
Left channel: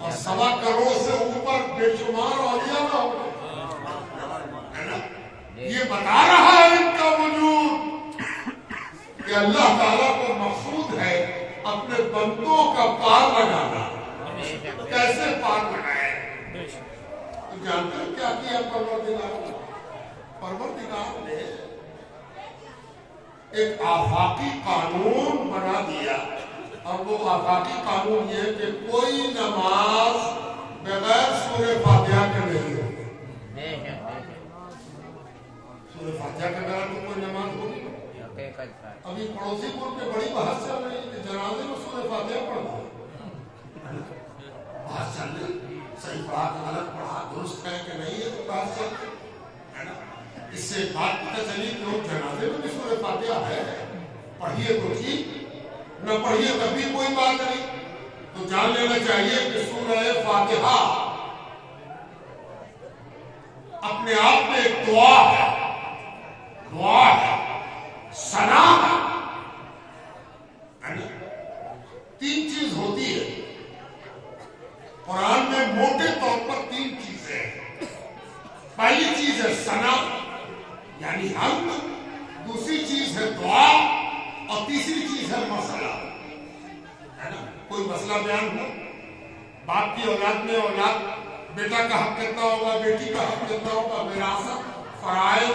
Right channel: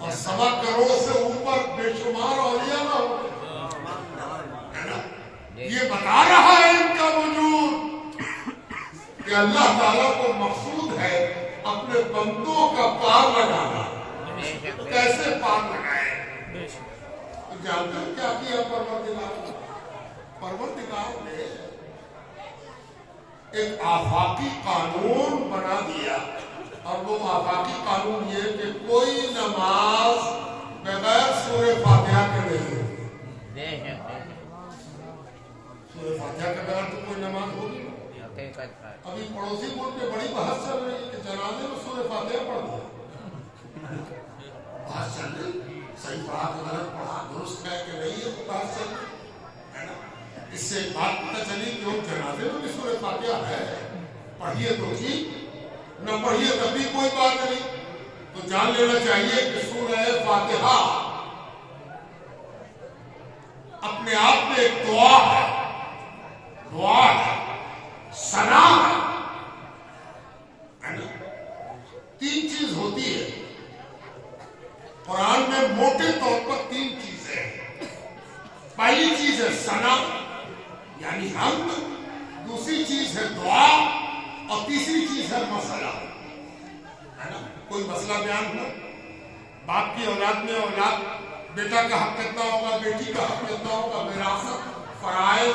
اور 1.25 کروڑ سے اوپر بے شمار اولیاء نہ ہوتے۔ یہ بتا رہا ہے ان کا وجود کہ اللہ تعالیٰ کو مقصود ہے اپنے بندوں کا پار لگانا۔ کیسے پار لگائے؟ جانتے ہیں کیا کیا پروردگار؟ پروردگار نے ایک آفاقی قانون بنا دیا، اور وہ آفاقی قانون یہ کہ کوئی نماز بغیر سورہ فاتحہ کے نہیں ہوگی۔ سورہ فاتحہ کے بغیر تو کوئی نماز ہوگی۔ ابھی پڑوسی ملک میں بڑی بحث چل رہی ہے کہ جنازے میں سورہ فاتحہ پڑھ دو، بحث چل رہی، صحیح پڑھا کہ غلط پڑھا، درست ہے کہ نہیں ہے، بحث چل رہی ہے نا۔ اس سے بات پتہ چلی کہ وہ جنازے میں بھی سورہ فاتحہ ہے، پڑھیے تو ٹھیک، نہ پڑھیے تب بھی کوئی بات نہیں۔ تو جان لینا چاہیے کہ سورہ فاتحہ اپنے آپ میں ایک دعا ہے، ثنا ہے۔ 3 چیز ہوتی ہے قرآن میں، موٹے طور پر 3 چیزیں ہیں۔ پہلی چیز ہے ثنا یعنی حمد، دوسری چیز ہے دعا، اور تیسری چیز ہے مسئلہ، ہے نا۔ کوئی مسئلہ بیان ہوا، باپ کی اولاد میں اولاد، بیٹا کا حق کتنا ہوگا، بیٹی کا حق کتنا ہوگا، وراثت، فرائض،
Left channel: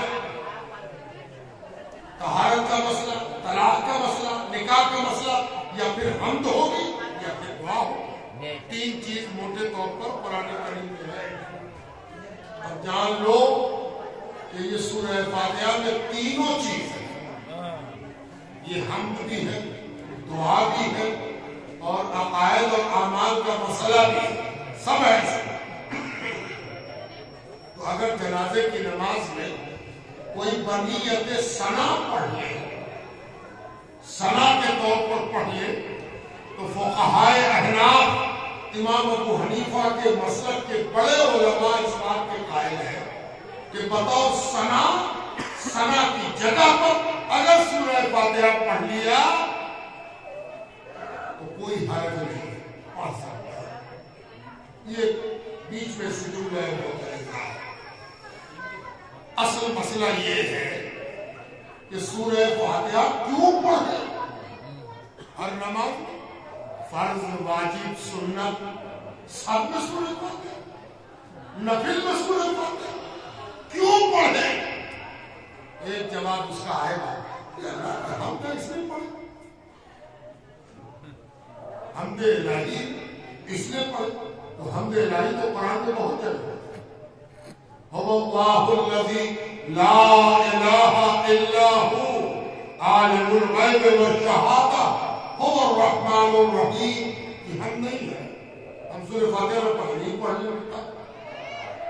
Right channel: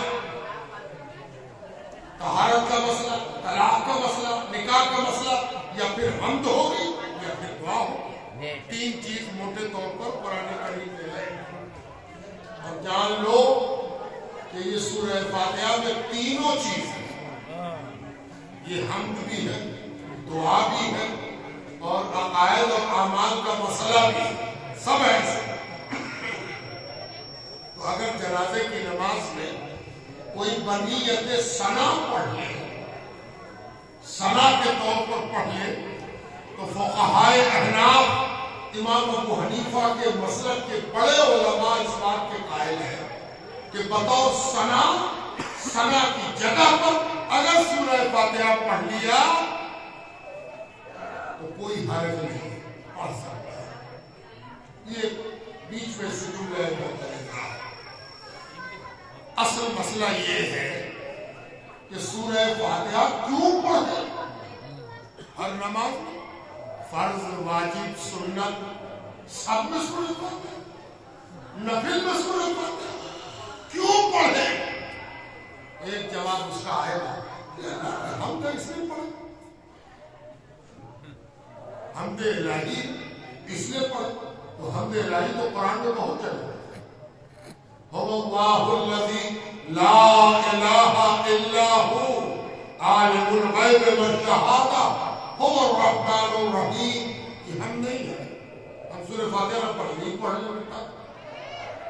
طہارت کا مسئلہ، طلاق کا مسئلہ، نکاح کا مسئلہ، یا پھر حمد ہوگی یا پھر دعا ہوگی۔ 3 چیز موٹے طور پر قرآن کریم میں ہے، اور جان لو کہ یہ سورہ فاتحہ میں تینوں چیز ہیں، یہ حمد بھی ہے، دعا بھی ہے، اور عقائد اور اعمال کا مسئلہ بھی ہے۔ سب ایسے. تو اگر جنازے کی نماز میں کوئی بنیت ثنا پڑھ لے، ثنا کے طور پر پڑھ لے، تو فقہائے احناف امام ابو حنیفہ کے مسلک کے بڑے علماء اس بات کے قائل ہیں کہ بطور ثنا کی جگہ پر اگر سورہ فاتحہ پڑھ لیا تو کوئی حرج نہیں، پڑھ سکتا ہے. یہ بیچ میں سے جملے مختلف. اصل مسئلہ یہ ہے کہ سورہ فاتحہ کیوں پڑھیں؟ ہر نماز میں فرض، واجب، سنت سب میں سورہ فاتحہ، نفل میں سورہ فاتحہ کیوں پڑھیں؟ ایک جواب اس کا آئے گا، ہم تو اس لیے پڑھیں، حمد الہی اس لیے پڑھیں. تو حمد الہی تو قرآن میں بہت چلے. اللہ الذی لا الہ الا ہو عالم الغیب والشہادہ هو الرحمن الرحیم. یہ ہم نہیں ہے، ہم سورہ فاتحہ نہ پڑھ نہیں پڑھنے لگتا.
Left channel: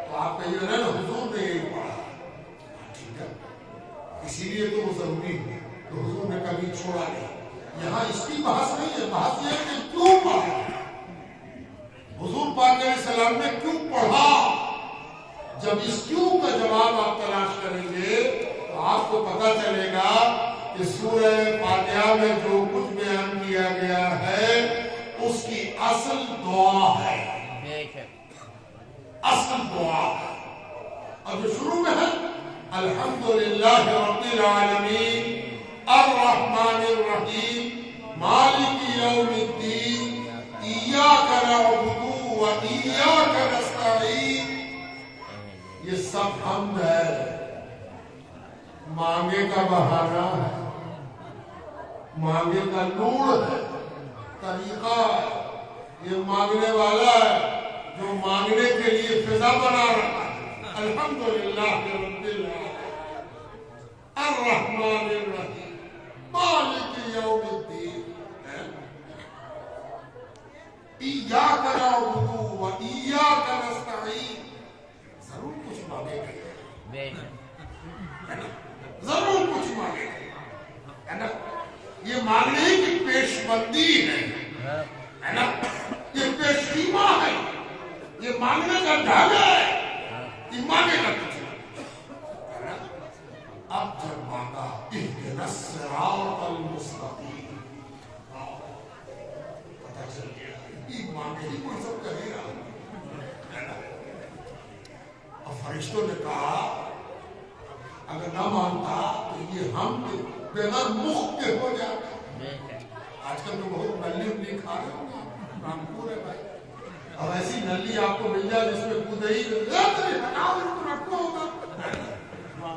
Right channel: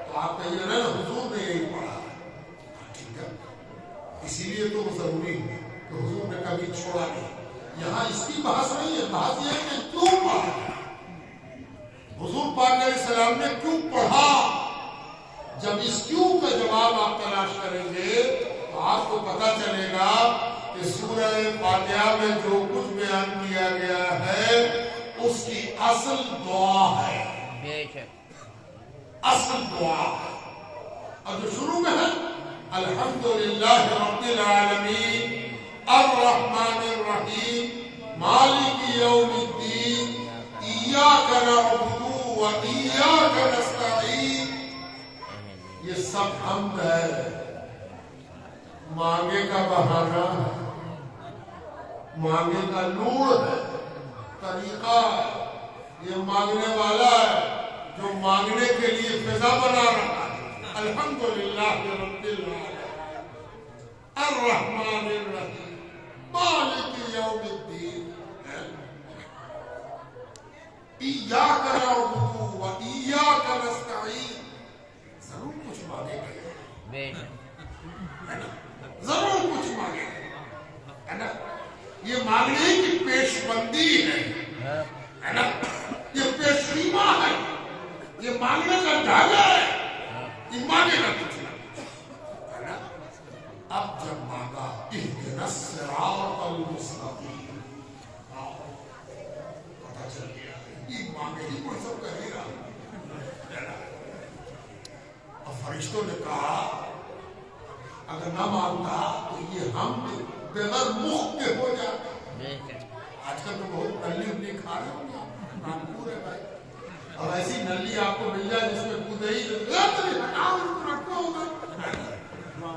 تو آپ کہیں گے نا حضور نے یہی پڑھا، ٹھیک ہے، اسی لیے تو وہ ضروری ہے کہ حضور نے کبھی چھوڑا نہیں. یہاں اس کی بحث نہیں ہے، بحث یہ کہ کیوں پڑھا، حضور پاک علیہ السلام نے کیوں پڑھا. جب اس کیوں کا جواب آپ تلاش کریں گے تو آپ کو پتہ چلے گا کہ سورہ فاتحہ میں جو کچھ بیان کیا گیا ہے اس کی اصل دعا ہے، اصل دعا ہے. اور جو شروع میں ہے الحمدللہ رب العالمین الرحمن الرحیم مالک یوم الدین ایاک نعبد و ایاک نستعین، یہ سب حمد ہے. مانگے کا بہانہ ہے، مانگے کا لوڑ ہے، طریقہ ہے. یہ مانگنے والا ہے جو مانگنے کے لیے فضا بنا رہا ہے. الحمدللہ رب العالمین الرحمن الرحیم مالک یوم الدین ایاک نعبد و ایاک نستعین. ضرور کچھ مانگے گئے، ضرور کچھ مانگے گئے نا. یہ مانگنے کی پیش بندی ہے نا، یہ پیش خیمہ ہے، یہ مانگنے کا ڈھانگا ہے. یہ مانگے گا کچھ نہ. اب جب مانگا اہدنا الصراط المستقیم، پتہ چل گیا یہ مانگے ہی کوئی سب کرے گا. اب فرشتوں نے کہا اگر نہ مانتا تو یہ ہم بغیر مخ کے ہو جاتے. آج کل تو بہت نلی الی کھا رہے ہوں گے، رامپور ہے بھائی. اب ایسی نلی آپ کو مل جائے جس میں کودے ہی رکھتا ہوگا.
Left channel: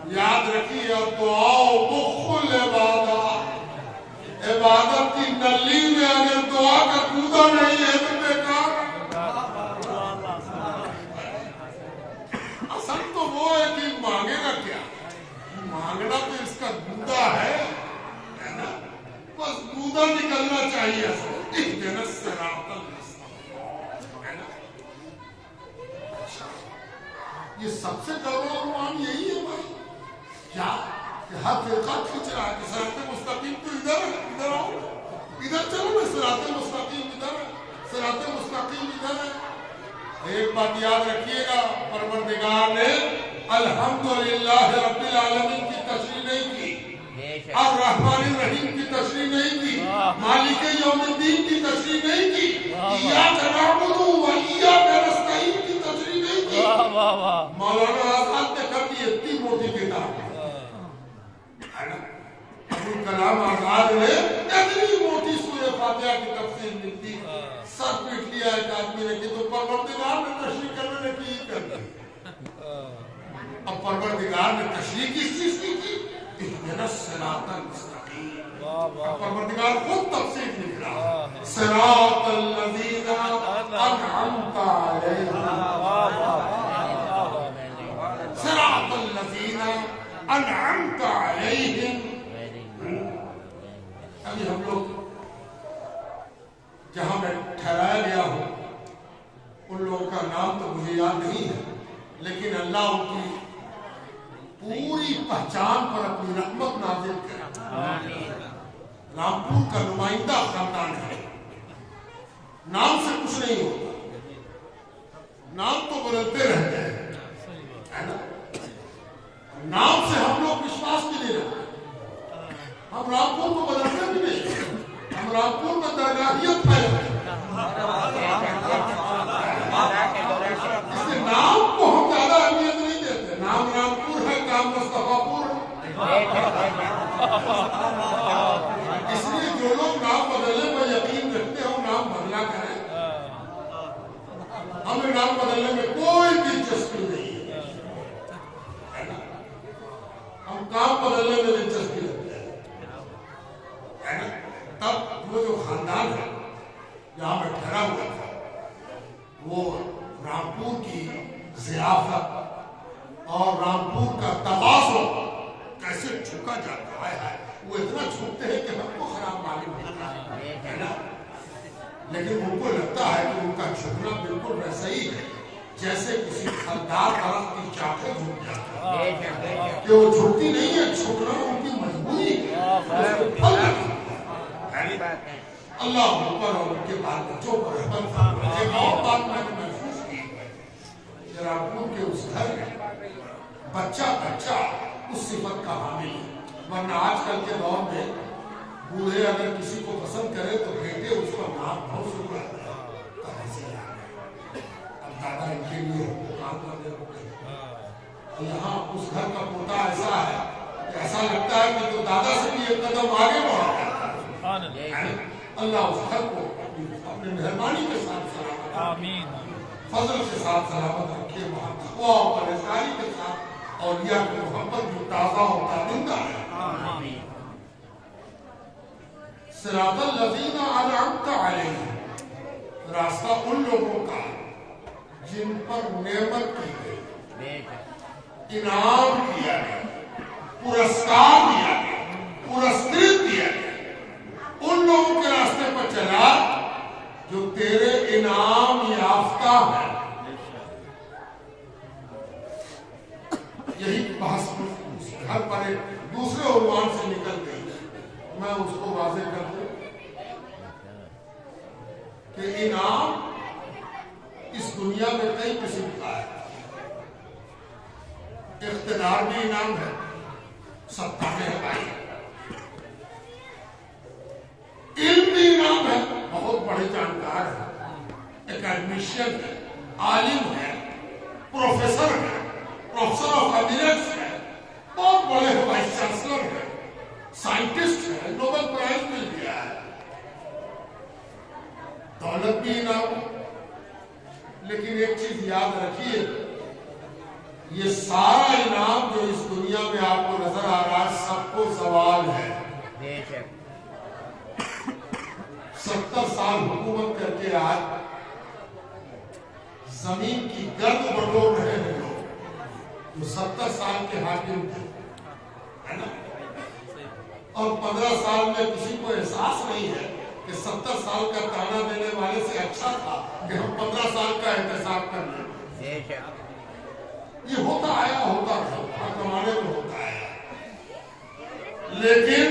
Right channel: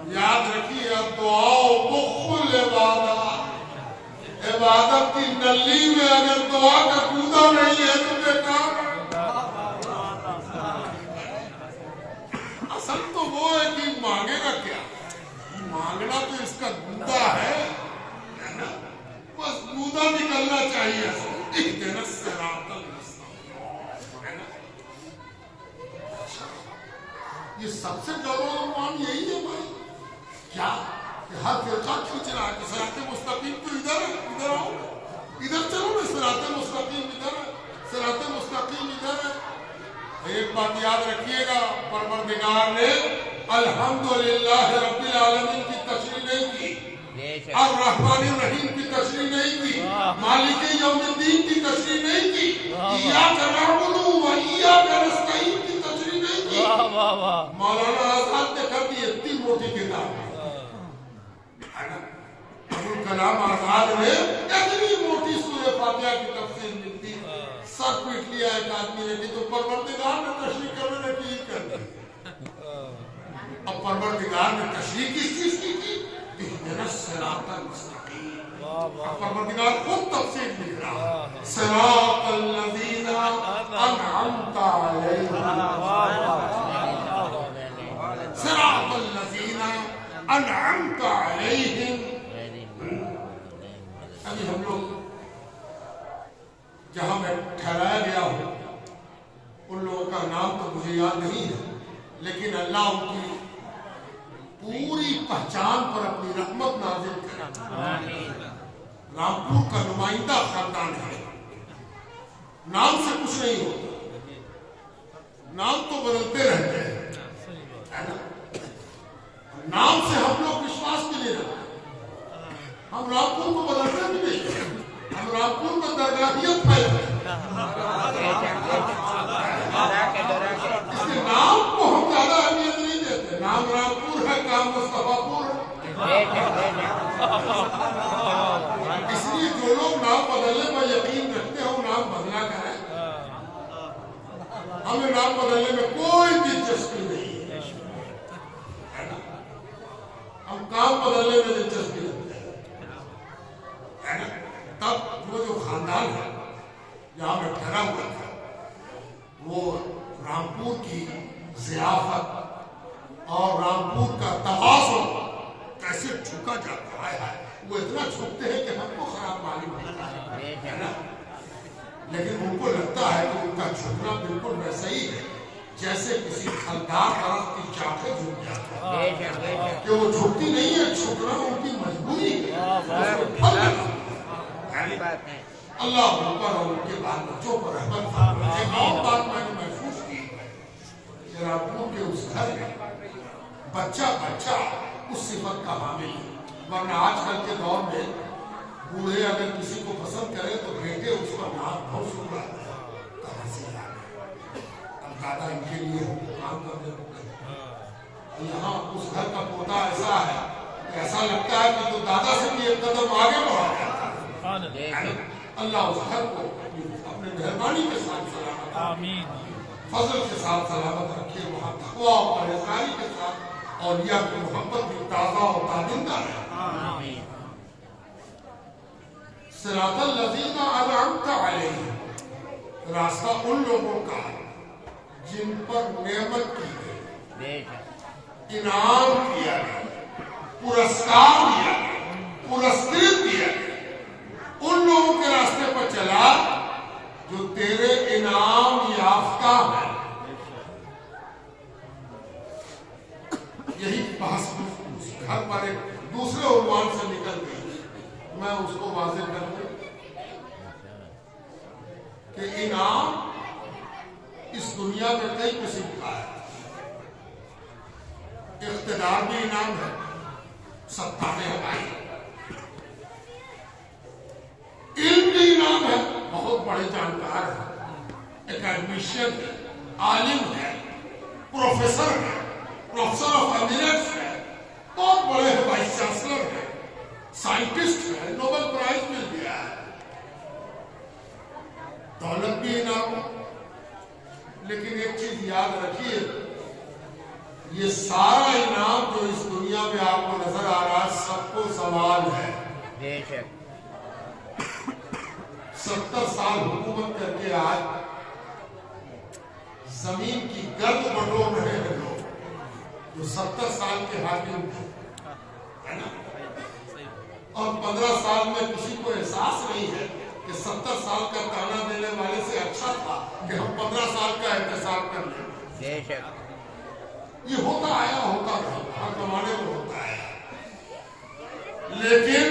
یاد رکھیے اب دعا مخل عبادت، عبادت کی نلی میں اگر دعا کا کودا نہیں ہے تو بیکار. اصل تو وہ ہے کہ مانگے گا کیا، مانگنا تو اس کا گودا ہے نا، بس گودا نکلنا چاہیے. اہدنا الصراط المستقیم ہے نا. یہ سب سے عنوان یہی ہے بھائی، کیا کہ ہر فرقہ کھینچ رہا ہے کہ صراط مستقیم تو ادھر ہے، ادھر آؤ، ادھر چلو نا. صراط مستقیم ادھر ہے، صراط مستقیم ادھر ہے. ایک بات یاد رکھیے گا، پروردگار نے الحمدللہ رب العالمین کی تشریح نہیں کی، الرحمن الرحیم کی تشریح نہیں کی، مالک یوم الدین کی تشریح نہیں کی، ایاک نعبد و ایاک نستعین کی تشریح نہیں کی. مولانا آزاد نے کر دی اتنی موٹی کتاب. ابوالکلام آزاد نے اتنی موٹی سورہ فاتحہ کی تفسیر لکھ دی، سر پیٹ لیا ایک آدمی نے کہ تو پروردگار نے تشریح کرنے نے کی کر دی. اب پروردگار نے تشریح کس چیز کی اہدنا الصراط المستقیم. اب پروردگار خود تفسیر لکھ رہا، صراط الذین انعمت علیہم، صراط الذین انعمت علیہم. ابھی ہم لوگ جہاں میں ٹھہرایا گیا ہوں ان لوگوں کا نام تو مجھے یاد نہیں ہے، لیکن اللہ ان کی پوری پہچان پر اپنی رحمت نازل کرے۔ رامپور کا نمائندہ خاندان ہے، نام سے کچھ نہیں ہوتا، نام تو بدلتے رہتے ہیں، ہے نا؟ نام سے ہم لوگ وشواس بھی نہیں رکھتے، ہم رامپور کو بدلتے بھی نہیں، ہم رامپور میں درگاہیت پہ اس کے نام کو ہم زیادہ اہمیت نہیں دیتے، نام رامپور ہے، کام مصطفیٰ پور ہے۔ اس لیے جو لوگ نام بدلنے پر یقین رکھتے ہیں وہ نام بدلا کریں، ہمیں نام بدلنے میں کوئی دلچسپی نہیں ہے، ہم کام بدلنے میں دلچسپی رکھتے ہیں۔ تب وہ جو خاندان ہے جہاں میں ٹھہرا ہوا تھا، وہ رامپور کی ضیافت اور رامپور کا تواضع کیسے جھکا جاتا ہے، وہ اتنا جھکتے ہیں کہ ہم کو خراب معلوم ہوتا ہے نا، لیکن ان کو لگتا ہے کہ ان کا جھکنا بالکل ویسا ہی ہے جیسے کسی پھلدار درخت کی شاخیں جھک جاتی ہے، کہ وہ جھکتی نہیں ہے، جھکنا ان کی مجبوری ہے، پھل لگا۔ اللہ ان پر اور ان کے بال بچوں پر رحمت فرمائے۔ ایک اور بات میں نے محسوس کی کہ رامپور کے اس گھر میں بچہ اس صفت کا حامل ہے، ورنہ آج کل کے دور میں بوڑھے اگر کسی کو پسند کرے تو بیٹے اس پر نام بہت شکر آتے ہیں، کہاں سے آ گئے، اب دادا ان کے لیے کام کرنے لگے۔ یہاں اس گھر کا پوتا ایسا ہے کہ ایسا لگتا ہے کہ تو دادا سے بھی ایک قدم آگے بڑھا جاتا ہے۔ اللہ اس گھر کو اپنے مہربانی کے ساتھ سلامت آمین، فضل کے ساتھ سلامت رکھے، وہاں تقویٰ اور پرہیزگاری کے ساتھ اولیاء کی محبت بھی تازہ اور تابندہ ہے۔ صراط الذین انعمت علیہم، راستہ ان لوگوں کا جن پر نعمت کی گئی، انعام کیا گیا، پرسکار دیا گیا، پرسکرت دیا گیا، ان لوگوں کے راستے پر چلا جو تیرے انعام یافتہ ہے۔ یہی بحث اس گھر پر ایک دوسرے عنوان سے نکل گئی، میں اس کو واضح کر دوں کہ انعام اس دنیا میں کئی قسم کا ہے۔ اقتدار بھی انعام ہے، ستا میں ہے بھائی، علم بھی انعام ہے، بہت بڑے جانکار ہیں، اکیڈمیشین ہے، عالم ہے، پروفیسر ہے، پروفیسر آف ایمریٹس ہے، بہت بڑے وائس چانسلر ہے، سائنٹسٹ ہے، نوبل پرائز مل گیا ہے۔ دولت بھی انعام ہے، لیکن ایک چیز یاد رکھیے، یہ سارا انعام جو اس دنیا میں آپ کو نظر آ رہا ہے سب کو زوال ہے۔ 70 سال حکومت کر کے آج زمین کی گرد بٹور رہے ہیں لوگ جو 70 سال کے حاکم تھے، ہے نا، اور 15 سال میں کسی کو احساس نہیں ہے کہ 70 سال کا تانا دینے والے سے اچھا تھا کہ ہم 15 سال کا احتساب کر لیں۔ یہ ہوتا آیا، ہوتا رہا، ہر زمانے میں ہوتا ہے، لیکن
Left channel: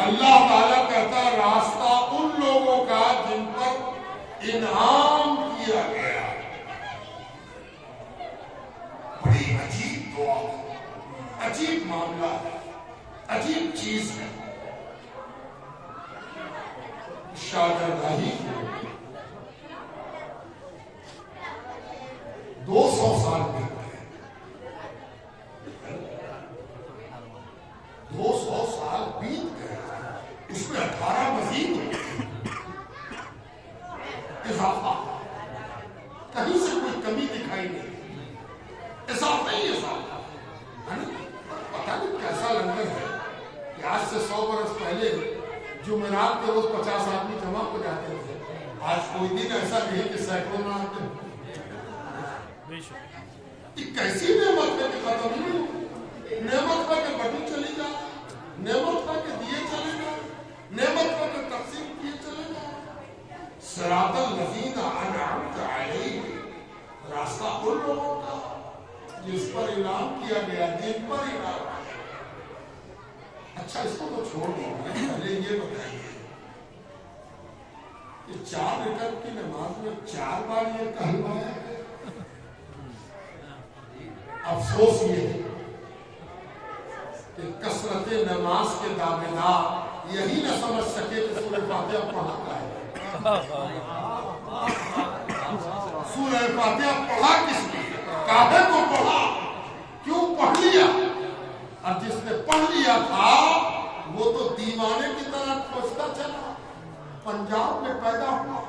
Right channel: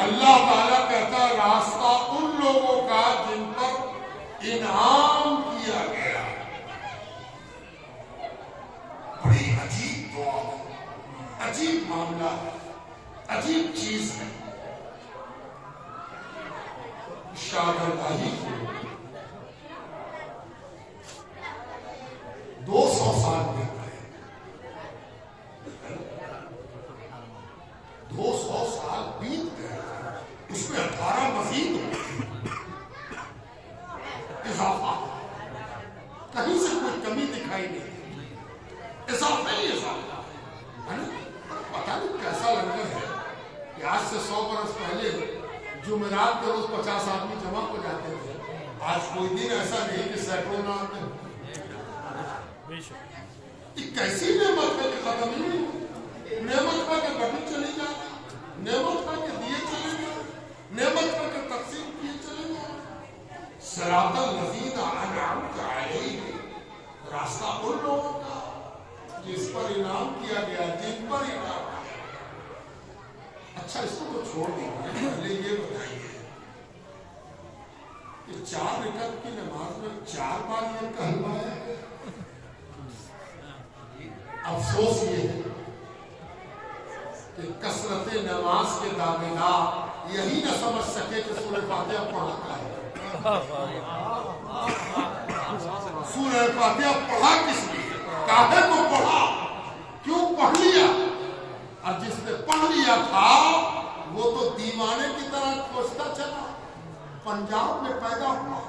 اللہ تعالیٰ کہتا ہے راستہ ان لوگوں کا جن پر انعام کیا گیا۔ بڑی عجیب دعا ہے، عجیب معاملہ ہے، عجیب چیز ہے۔ شاہجہاں کو 200 سال بیت گئے، 200 سال بیت گئے، اس میں 18 مزید ہو اضافہ، کہیں سے کوئی کمی دکھائی نہیں، اضافہ ہی اضافہ، پتہ نہیں کیسا لنگر ہے کہ آج سے 100 برس پہلے جمعرات کے روز 50 آدمی جمع ہو جاتے تھے، آج کوئی دن ایسا نہیں کہ سینکڑوں نہ آتے۔ یہ کیسی نعمت ہے کہ ختم ہی نہیں ہوتی، نعمت ہے کہ بڑی چلی جاتی، نعمت ہے کہ دیے چلے جائیں، نعمت ہے کہ تقسیم کیے چلے جائیں۔ صراط الذین انعمت علیہم، چھوڑ دیجیے، پہلے یہ بتائیے کہ 4 رکعت کی نماز میں 4 بار یہ کلمہ ہے؟ افسوس یہ ہے کہ کثرت نماز کے دعویدار یہی نہ سمجھ سکے کہ سورہ فاتحہ پڑھا کیا ہے۔ سورہ فاتحہ پڑھا کس لیے، کاہے کو پڑھا، کیوں پڑھ لیا؟ اور جس نے پڑھ لیا تھا وہ تو دیوانے کی طرح کھوجتا چلا، پنجاب میں پیدا ہوا،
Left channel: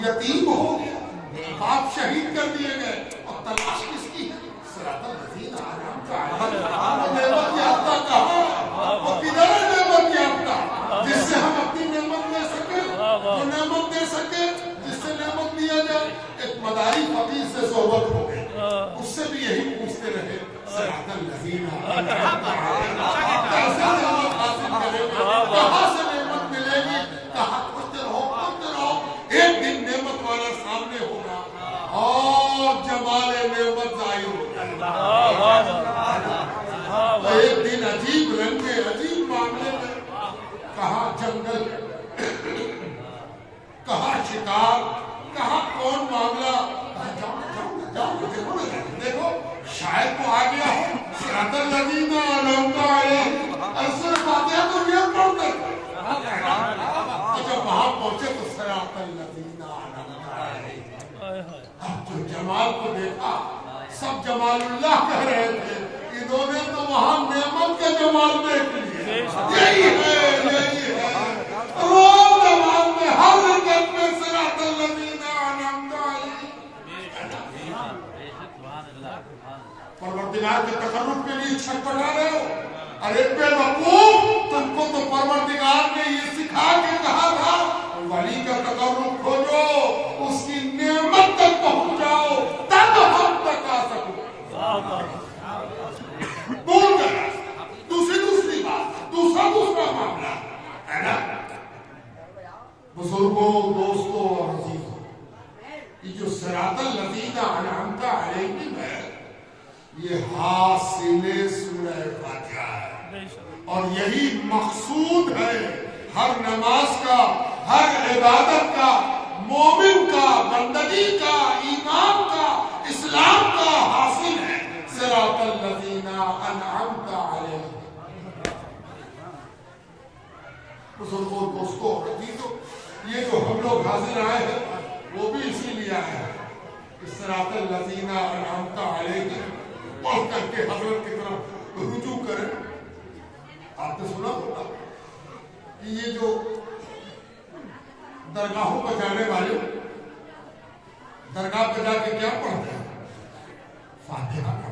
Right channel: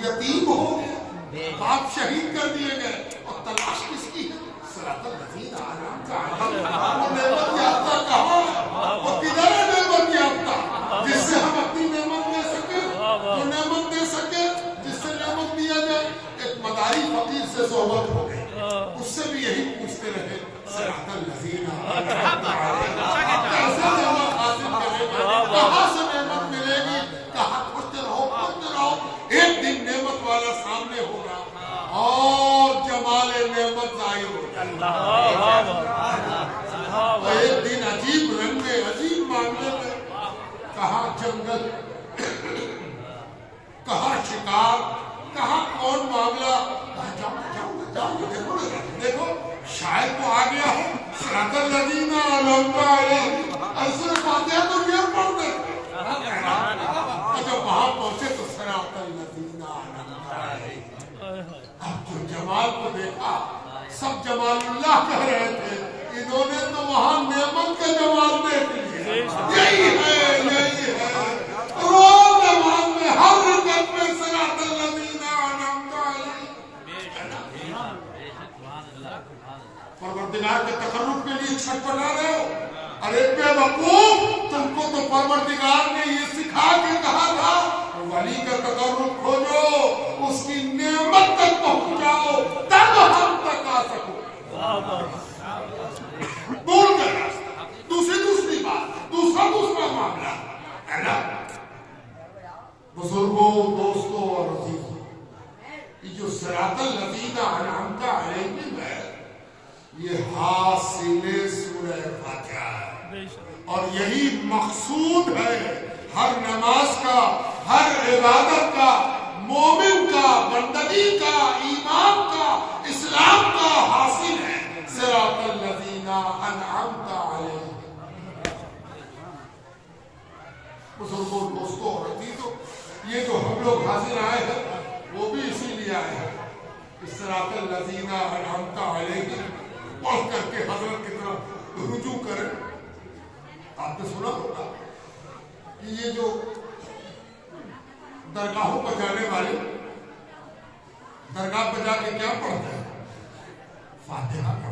یتیم ہو گیا، باپ شہید کر دیے گئے، اور تلاش کس کی ہے؟ صراط الذین انعمت علیہم۔ نعمت یافتہ کہاں ہے؟ وہ کدھر ہے نعمت یافتہ جس سے ہم اپنی نعمت لے سکیں، جو نعمت دے سکے، جس سے نعمت لیا جائے؟ ایک مداری فقیر سے صحبت ہو گئی، اس سے بھی یہی پوچھتے رہے صراط الذین انعمت علیہم، کیسے نعمت حاصل کریں گے، کہاں سے نعمت ملے گی؟ کہاں پوچھتے رہو، ایک دن نعمت والا سامنے ہوگا اور جمال نعمت ظاہر ہو جائے گا۔ ایک دن عجیب رنگ میں، عجیب معاملے میں، کہاں جنگل، کہاں شکار، کہاں کون معاملہ، کہاں جاؤ دیکھو نا، دیکھو شاید وہ آ گیا ہو صراط الذین انعمت علیہم، ایسے فاتحہ تو یہ پڑھتے تھے، اور جب وہاں پہنچے تو صراط الذین انعمت علیہم۔ اب جو جمال کو دیکھا، سب جمال اللہ کہہ رہے تھے، انہوں نے تو وہاں نعمت کا جمال دیکھ لیا۔ یہی ہے روز نماز میں ہر رکعت میں صراط الذین انعمت علیہم۔ پروردگار کے تقرب کے لیے چھٹپٹا رہے ہو؟ ارے بے وقوف، تم کو تو پروردگار نے یہ سکھا کے کہا تھا ولی کا تقرب کھوجو، اس کی نعمت تک پہنچ جاؤ، تب ہم تک آ سکو۔ بول کر راستہ، دوسری بات، دوسرا معاملہ ہے نا۔ بزرگوں، دوستوں اور عزیزوں، یہ جو صراط الذین انعمت علیہم ہے، یہ حاصل سورہ فاتحہ ہے، اور یہی مقصود ہے ہر نماز کا، ہر عبادت کا، مومن کا، بندگی کا، ایمان کا، اسلام کا حاصل ہے صراط الذین انعمت علیہم۔ بزرگوں، دوستوں اور عزیزوں، یہ جو ہم لوگ حاضر آئے ہیں وہ بھی اسی لیے آئے ہیں کہ صراط الذین انعمت علیہم پڑھ کر کے حضرت کی طرف رجوع کریں۔ آپ نے سنا ہوگا کہ یہ جو درگاہوں پر جانے والے درگاہ پر جا کے کیا پڑھتے ہیں؟ فاتحہ پڑھتے ہیں۔